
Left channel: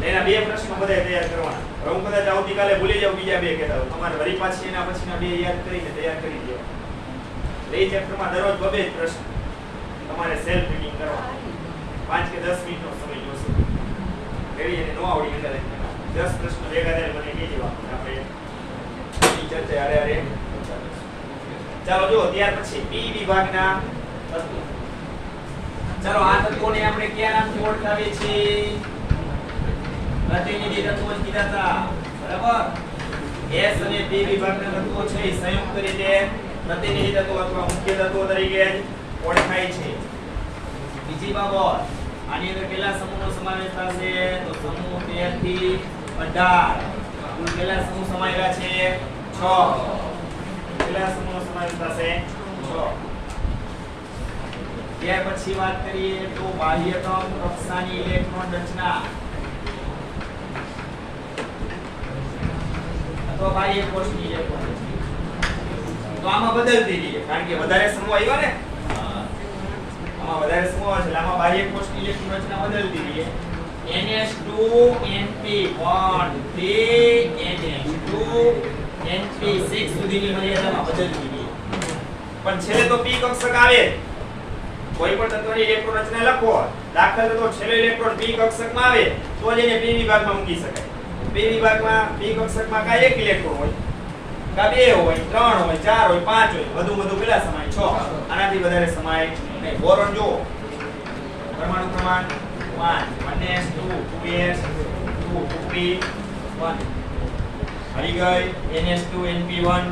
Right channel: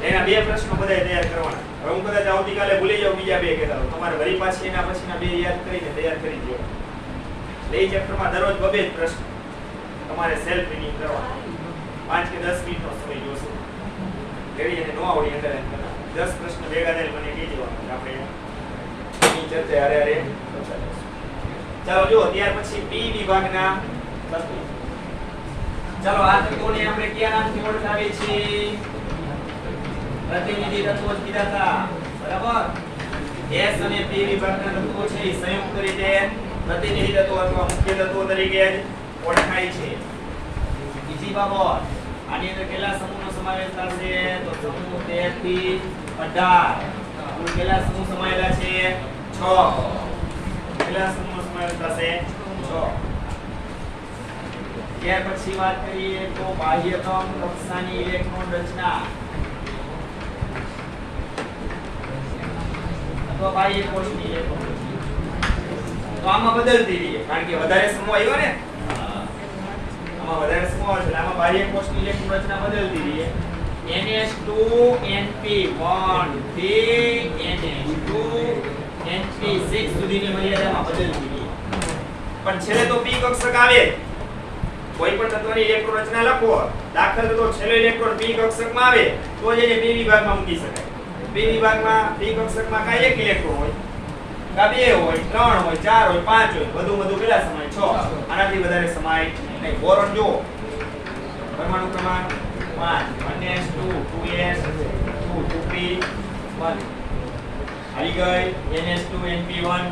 એના 2 પ્રશ્નો બધાય તૈયાર કરવાના. હવે હું કદાચ આવતીકાલે ભૂલી જાઉં બીજા 2 કહેતા હોઉં, તમારે વળી પાછી એના પછીના 2 યાદ કરીને તૈયાર કરી દો. એ ચેપ્ટરમાં દરરોજ 2 જ પ્રશ્ન તમારે સેલ્ફ રીડિંગ કરવાના. 5 કે 10 મિનિટનો સમય જોશે. રેડી અને નો આવડી અંડરલાઈન કરવાના. 10 પ્રશ્નો ભેગા થઈને મને કહી દેવાનું. આપણે એની ચર્ચા હારે હારે ચાલો જો ત્યાર પછી પી વિભાગના તત્વો. ચાલો આ તત્વોને આપણે કયા નામથી ઓળખાવીએ છીએ? પ્રતિનિધિ તત્વો જ કીધા હતા બરાબર. એસ અને પી વિભાગના તત્વો છે એ સંયુક્ત રીતે પ્રતિનિધિ તત્વો અથવા મુખ્ય તત્વો તરીકે જ ઓળખાય છે. બીજી બાબત, આની અંદર કેટલા સમૂહનો સમાવેશ થશે? તો સમૂહ 13 થી 18. કુલ કેટલા સમૂહ સમાયેલા છે? 6. કેટલા સમૂહનો સમાવેશ થશે? 6. ત્યાર પછી વાત કરીએ તો બાહ્યતમ કક્ષાની ઇલેક્ટ્રોન રચના અથવા બાહ્ય કોષની ઇલેક્ટ્રોન રચના. તો આમાં બદલતી રહીએ, કારણ કે વધારે સમૂહ આવ્યા ને, આમાં વધારે સમૂહ આવે છે આમાં બાહ્ય કોષની ઇલેક્ટ્રોન રચના બદલતી રહીએ. NH2NP1 થી NH2NP6 સુધીની મર્યાદામાં બદલતી રહીએ. પણ છેલ્લે તો p કક્ષક આવે. કોઈ પણ તત્વની ઇલેક્ટ્રોન રચના લખો, દાખલા તરીકે છેલ્લો ઇલેક્ટ્રોન p કક્ષકમાં આવે તો જ એને p વિભાગમાં મૂકી શકાય. p વિભાગમાં p કક્ષકમાં કાંઈ એક ઇલેક્ટ્રોન હોય, કા 2 હોય, 3 હોય, 4 હોય, 5 હોય, વધુ કેટલા સમાય? 6. આનાથી વધારે સમાય નહીં. બોરોન જો પરમાણુ ક્રમાંક 5 1s2 2s 2 2p1 આવી ગઈ. ns2np1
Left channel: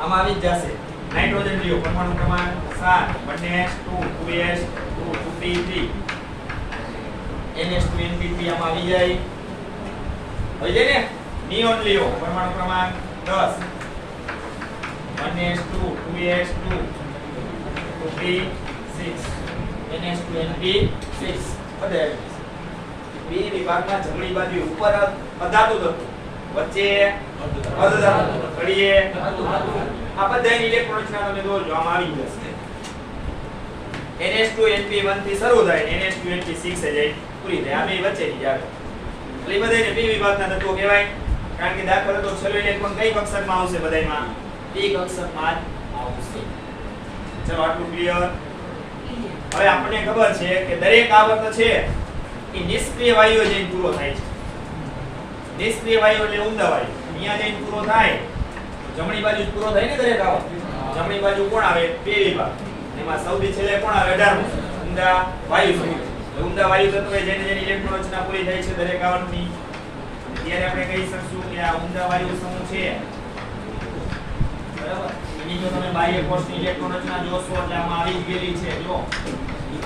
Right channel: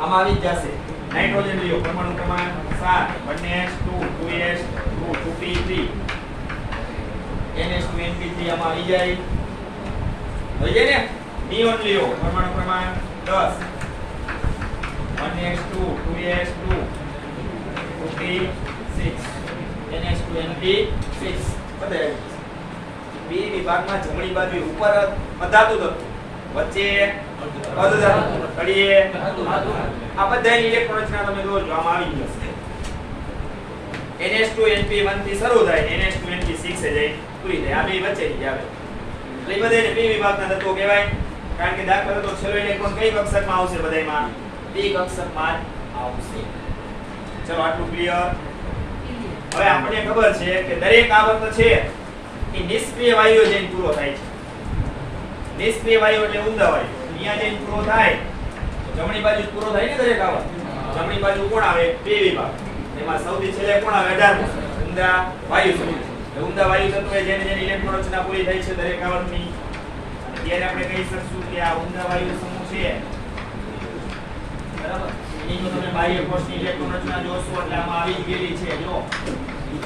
આમાં આવી જ જશે. નાઇટ્રોજન લ્યો પરમાણુ ક્રમાંક 7 1s2 2s 2 2p3 ns2np3 આમાં આવી જાય. થઈ જાય ને. નિયોન લ્યો પરમાણુ ક્રમાંક 10 1s2 2s2 2p6 ns2np6 બધે બી વિભાગમાં જમણી બાજુ ઉપર અધાતુ તત્વ, વચ્ચે અર્ધધાતુ, તળિયે આ બધાની ઇલેક્ટ્રોન રચના તમે જોજો આમાં આવી જશે. ns2np1 થી શરૂ થાય ને ns2np6 એ જાય પૂરી થાય. આ બે વચ્ચેની જ આવે. એટલે બધાને પી વિભાગના તત્વો કહેવાય. કારણ કે દાખલા તરીકે છેલ્લો ઇલેક્ટ્રોન કઈ કક્ષકમાં આવશે? બધાયમાં પી કક્ષકમાં જ આવશે. ચલો આટલું ક્લિયર. હવે આપણને ખબર છે કે દરેક આવર્ત છે એ નિષ્ક્રિય વાયુઓ જઈને પૂરો થાય છે. નિષ્ક્રિય વાયુ એટલે ઊંડા વાયુ. અહીંયા જઈને પૂરો થાય જમણી બાજુ પૂરો થાય ને દરેક આવર્ત. જમણી બાજુ કોણ આવે? પી વિભાગ. એમાં સૌથી છેલ્લે કોણ આવે? 18મો ઊંડા વાયુ સમૂહ. ઊંડા વાયુ તત્વો જેને જેની ઇલેક્ટ્રોન રચના પૂરી થાય છે દરેક આવર્તની. અને ત્યારે આપણે કહી શકશું કે આ ઊંડા વાયુ સમૂહ છે બરાબર. એની જો તમે બાહ્ય કોષની ઇલેક્ટ્રોન રચના જોશો એટલે આમાં આવી જ ગયેલી છે. જો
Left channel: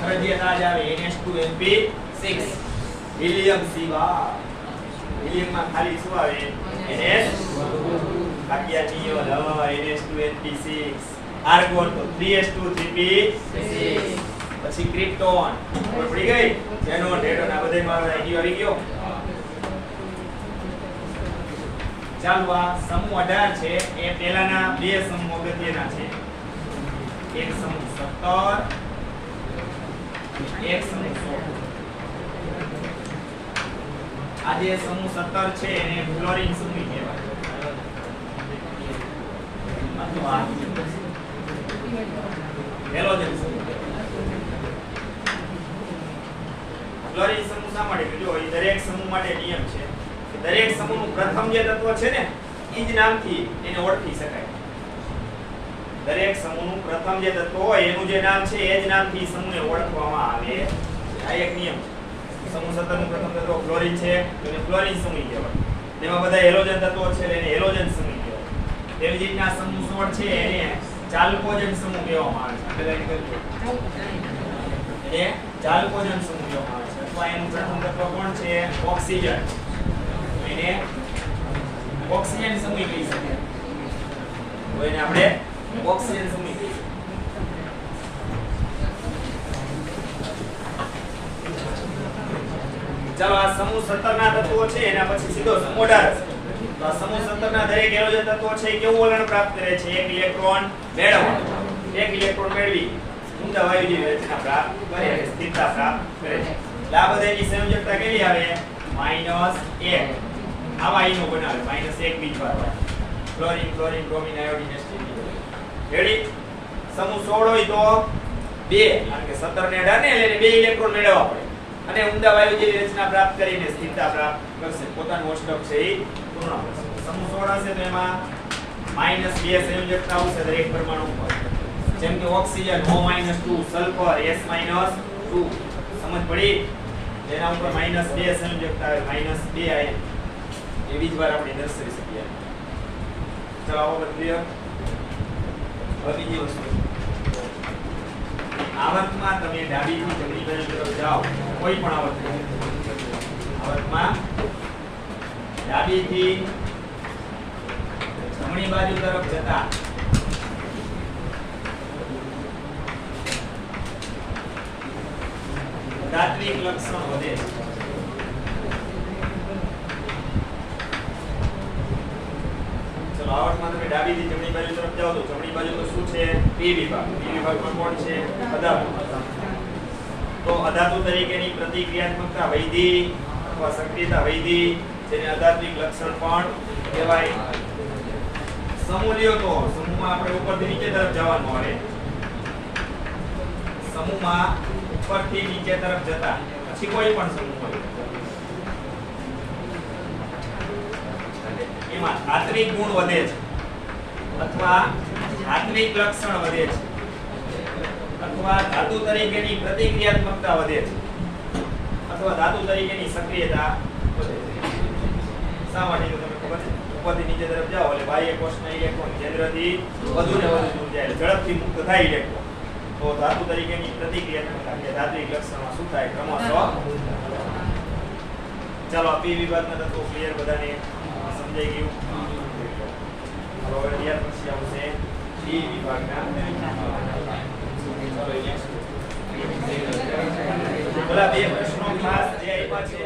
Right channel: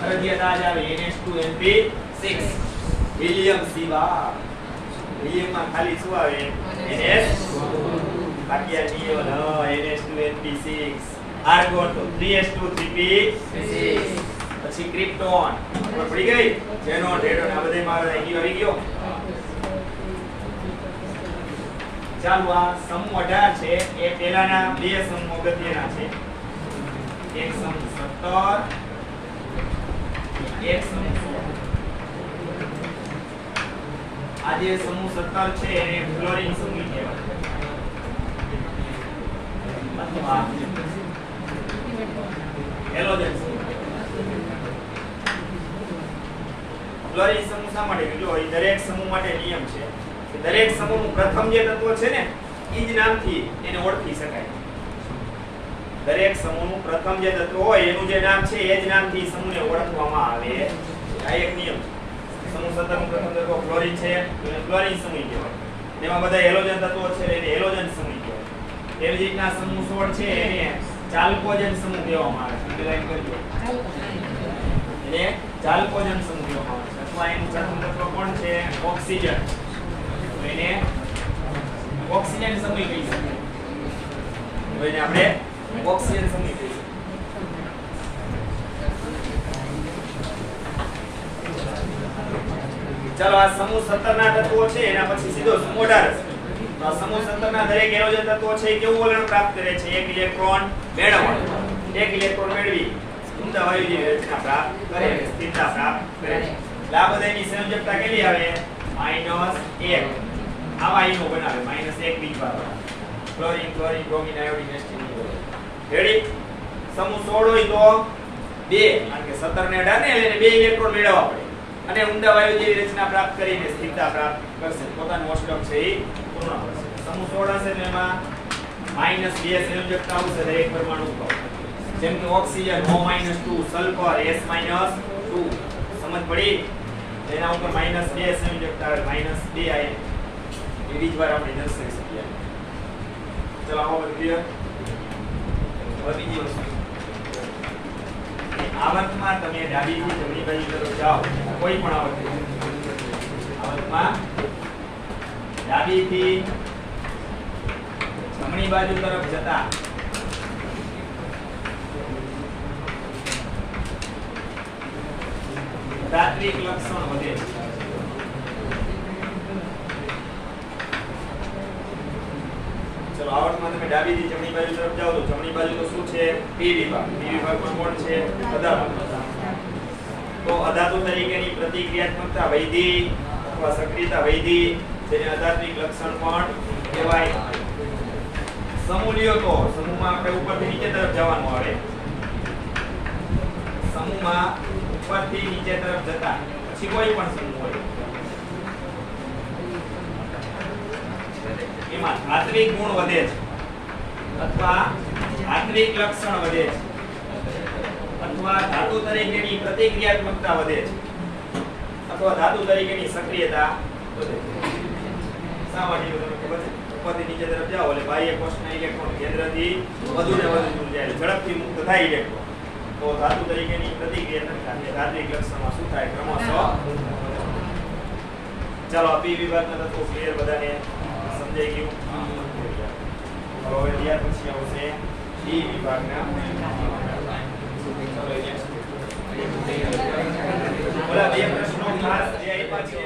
ફરજિયાત આ જ આવે NH2NP6 હિલિયમ સિવાય. હિલિયમમાં ખાલી શું આવે? NH બાકી આ નિયોન NH2NP6. આર્ગોન તો 3s2 3p6. પછી ક્રિપ્ટોન ખબર પડી ગઈ? ઝેનોન રેડોન આ બધામાં આવી ગયો. ચાલો આ સમૂહ 18 છે એ પહેલાના 2 સમૂહ અગત્યના છે. એક સમૂહ 17 એક સમૂહ 16. આ જે સમૂહ 17 છે એને ફ્લોરિન સમૂહ કહેવાય. અથવા હેલોજન સમૂહ. ફ્લોરિન સમૂહ શા માટે? જો એ દરેક સમૂહ માટે નિયમ છે કે દરેક સમૂહનું પ્રથમ જે તત્વ છે ને એ જ નામથી એને ઓળખી શકાય. દરેક સમૂહનું પ્રથમ જે તત્વ હોય એનું જે નામ છે એ જ નામથી સમૂહને ઓળખવામાં આવે. આ એક નિયમ છે. સમૂહ 17 નું પ્રથમ તત્વ ફ્લોરિન છે તો એને ફ્લોરિન સમૂહ કહેવાય. એમાં બધા હેલોજન તત્વો છે એને હેલોજન સમૂહ કહેવાય. તેવી જ રીતના સમૂહ 16 છે એને ચાલ્કોજન સમૂહ કહેવામાં આવે છે. અંડરલાઈન કરજો. એને ચાલ્કોજન સમૂહ કહેવામાં આવે છે. અથવા એનું પ્રથમ તત્વ કોણ છે? ઓક્સિજન. એને ઓક્સિજન સમૂહ કહી શકીએ. તો એને આપણે ઓક્સિજન સમૂહ કહીએ. ચાલો આ સમૂહ 17 ના તત્વો છે એના પછી સીધો સમૂહ 18 છે. તો આ સમૂહ 17 ના દરેક હેલોજન તત્વો છે એ કેવું વલણ પ્રાપ્ત કરે છે? એક ઇલેક્ટ્રોન મેળવવાનો. એક ઇલેક્ટ્રોન મેળવી ઊંડા વાયુ જેવી રચના પ્રાપ્ત કરે છે, સ્થિરતા પ્રાપ્ત કરે છે. એટલે આ બધા એની સંયોજકતા કેવી આવે? -1. આવા આયનો બનાવે. -1 બીજભાગ. ક્લોરીન, ક્લોરીન, બ્રોમિન, આયોડીન, એસ્ટિન. રેડી? સમૂહ 16 હોય તો 2, કારણ કે 17 ને 18 ને લઈને 2 ઇલેક્ટ્રોન મેળવવા પડે. અને ઊંડા વાયુ જેવી રચના પ્રાપ્ત કરીને સ્થિરતા પ્રાપ્ત કરશે. પોતાનું અષ્ટક છે એ પૂર્ણ કરશે. સમૂહ 16 હશે તો એમાં -2 સંયોજકતા આવશે દરેક પરમાણુ ઉપર. જેમ કે ઓક્સિજન O-2, સલ્ફર S-2. સમજ પડી? એના ઉપર -2 સંયોજકતા આવે, -2 આયન. એવી જ વાર આપણે દર્શાવી શકીએ. ચલો આવો બધું ક્લિયર. હવે બીજી વસ્તુ, આવર્તમાં તમે ડાબીથી જમણી બાજુ તરફ જાઓ, કોઈ પણ આવર્તમાં ડાબીથી જમણી બાજુ તરફ જતા તાત્વિક લક્ષણ વધે છે. ચલો આવર્તમાં તમે ડાબીથી જમણી બાજુ તરફ જાઓ તો જમણી બાજુ તો શું છે? પી વિભાગ. પી વિભાગમાં કોણ છે? અધાતુ. તો અધાતુ તરીકેની પ્રતિક્રિયાત્મકતા વૈધી અથવા સક્રિયતા વૈધી, જેને અધાત્વિક લક્ષણ પણ કહેવાય. સમૂહ લ્યો તો સમૂહમાં આપણે ઉપરથી નીચે તરફ જવાનું આવે. સમૂહમાં ઉપરથી નીચે તરફ જતા પછી કોઈ પણ સમૂહ હોય એમાં ધાત્વિક ગુણ વધે છે અથવા ધાત્વિક લક્ષણ વધે છે અથવા ધાતુ તરીકેની પ્રતિક્રિયાત્મકતા વધે છે અથવા ધાતુ તરીકેની સક્રિયતા વધે છે. શા માટે? જો તમને ખબર છે, ઉપરથી નીચે તરફ જાઓ એટલે બાહ્ય કોષના ઇલેક્ટ્રોન કેન્દ્રથી વધુ ને વધુ દૂર જાય, ઝડપથી મુક્ત થાય ઇલેક્ટ્રોન. તો ધાતુ તરીકેની પ્રતિક્રિયાત્મકતા કે ધાત્વિક લક્ષણમાં શું થાય? ક્રમશઃ. ચાલો પી વિભાગના તત્વો ક્લિયર બધાને સમજાઈ ગયું. હવે ત્યાર પછી આવશે ડી વિભાગના. બોલા બે પ્રશ્નો ખાસ જે આપ્યા છે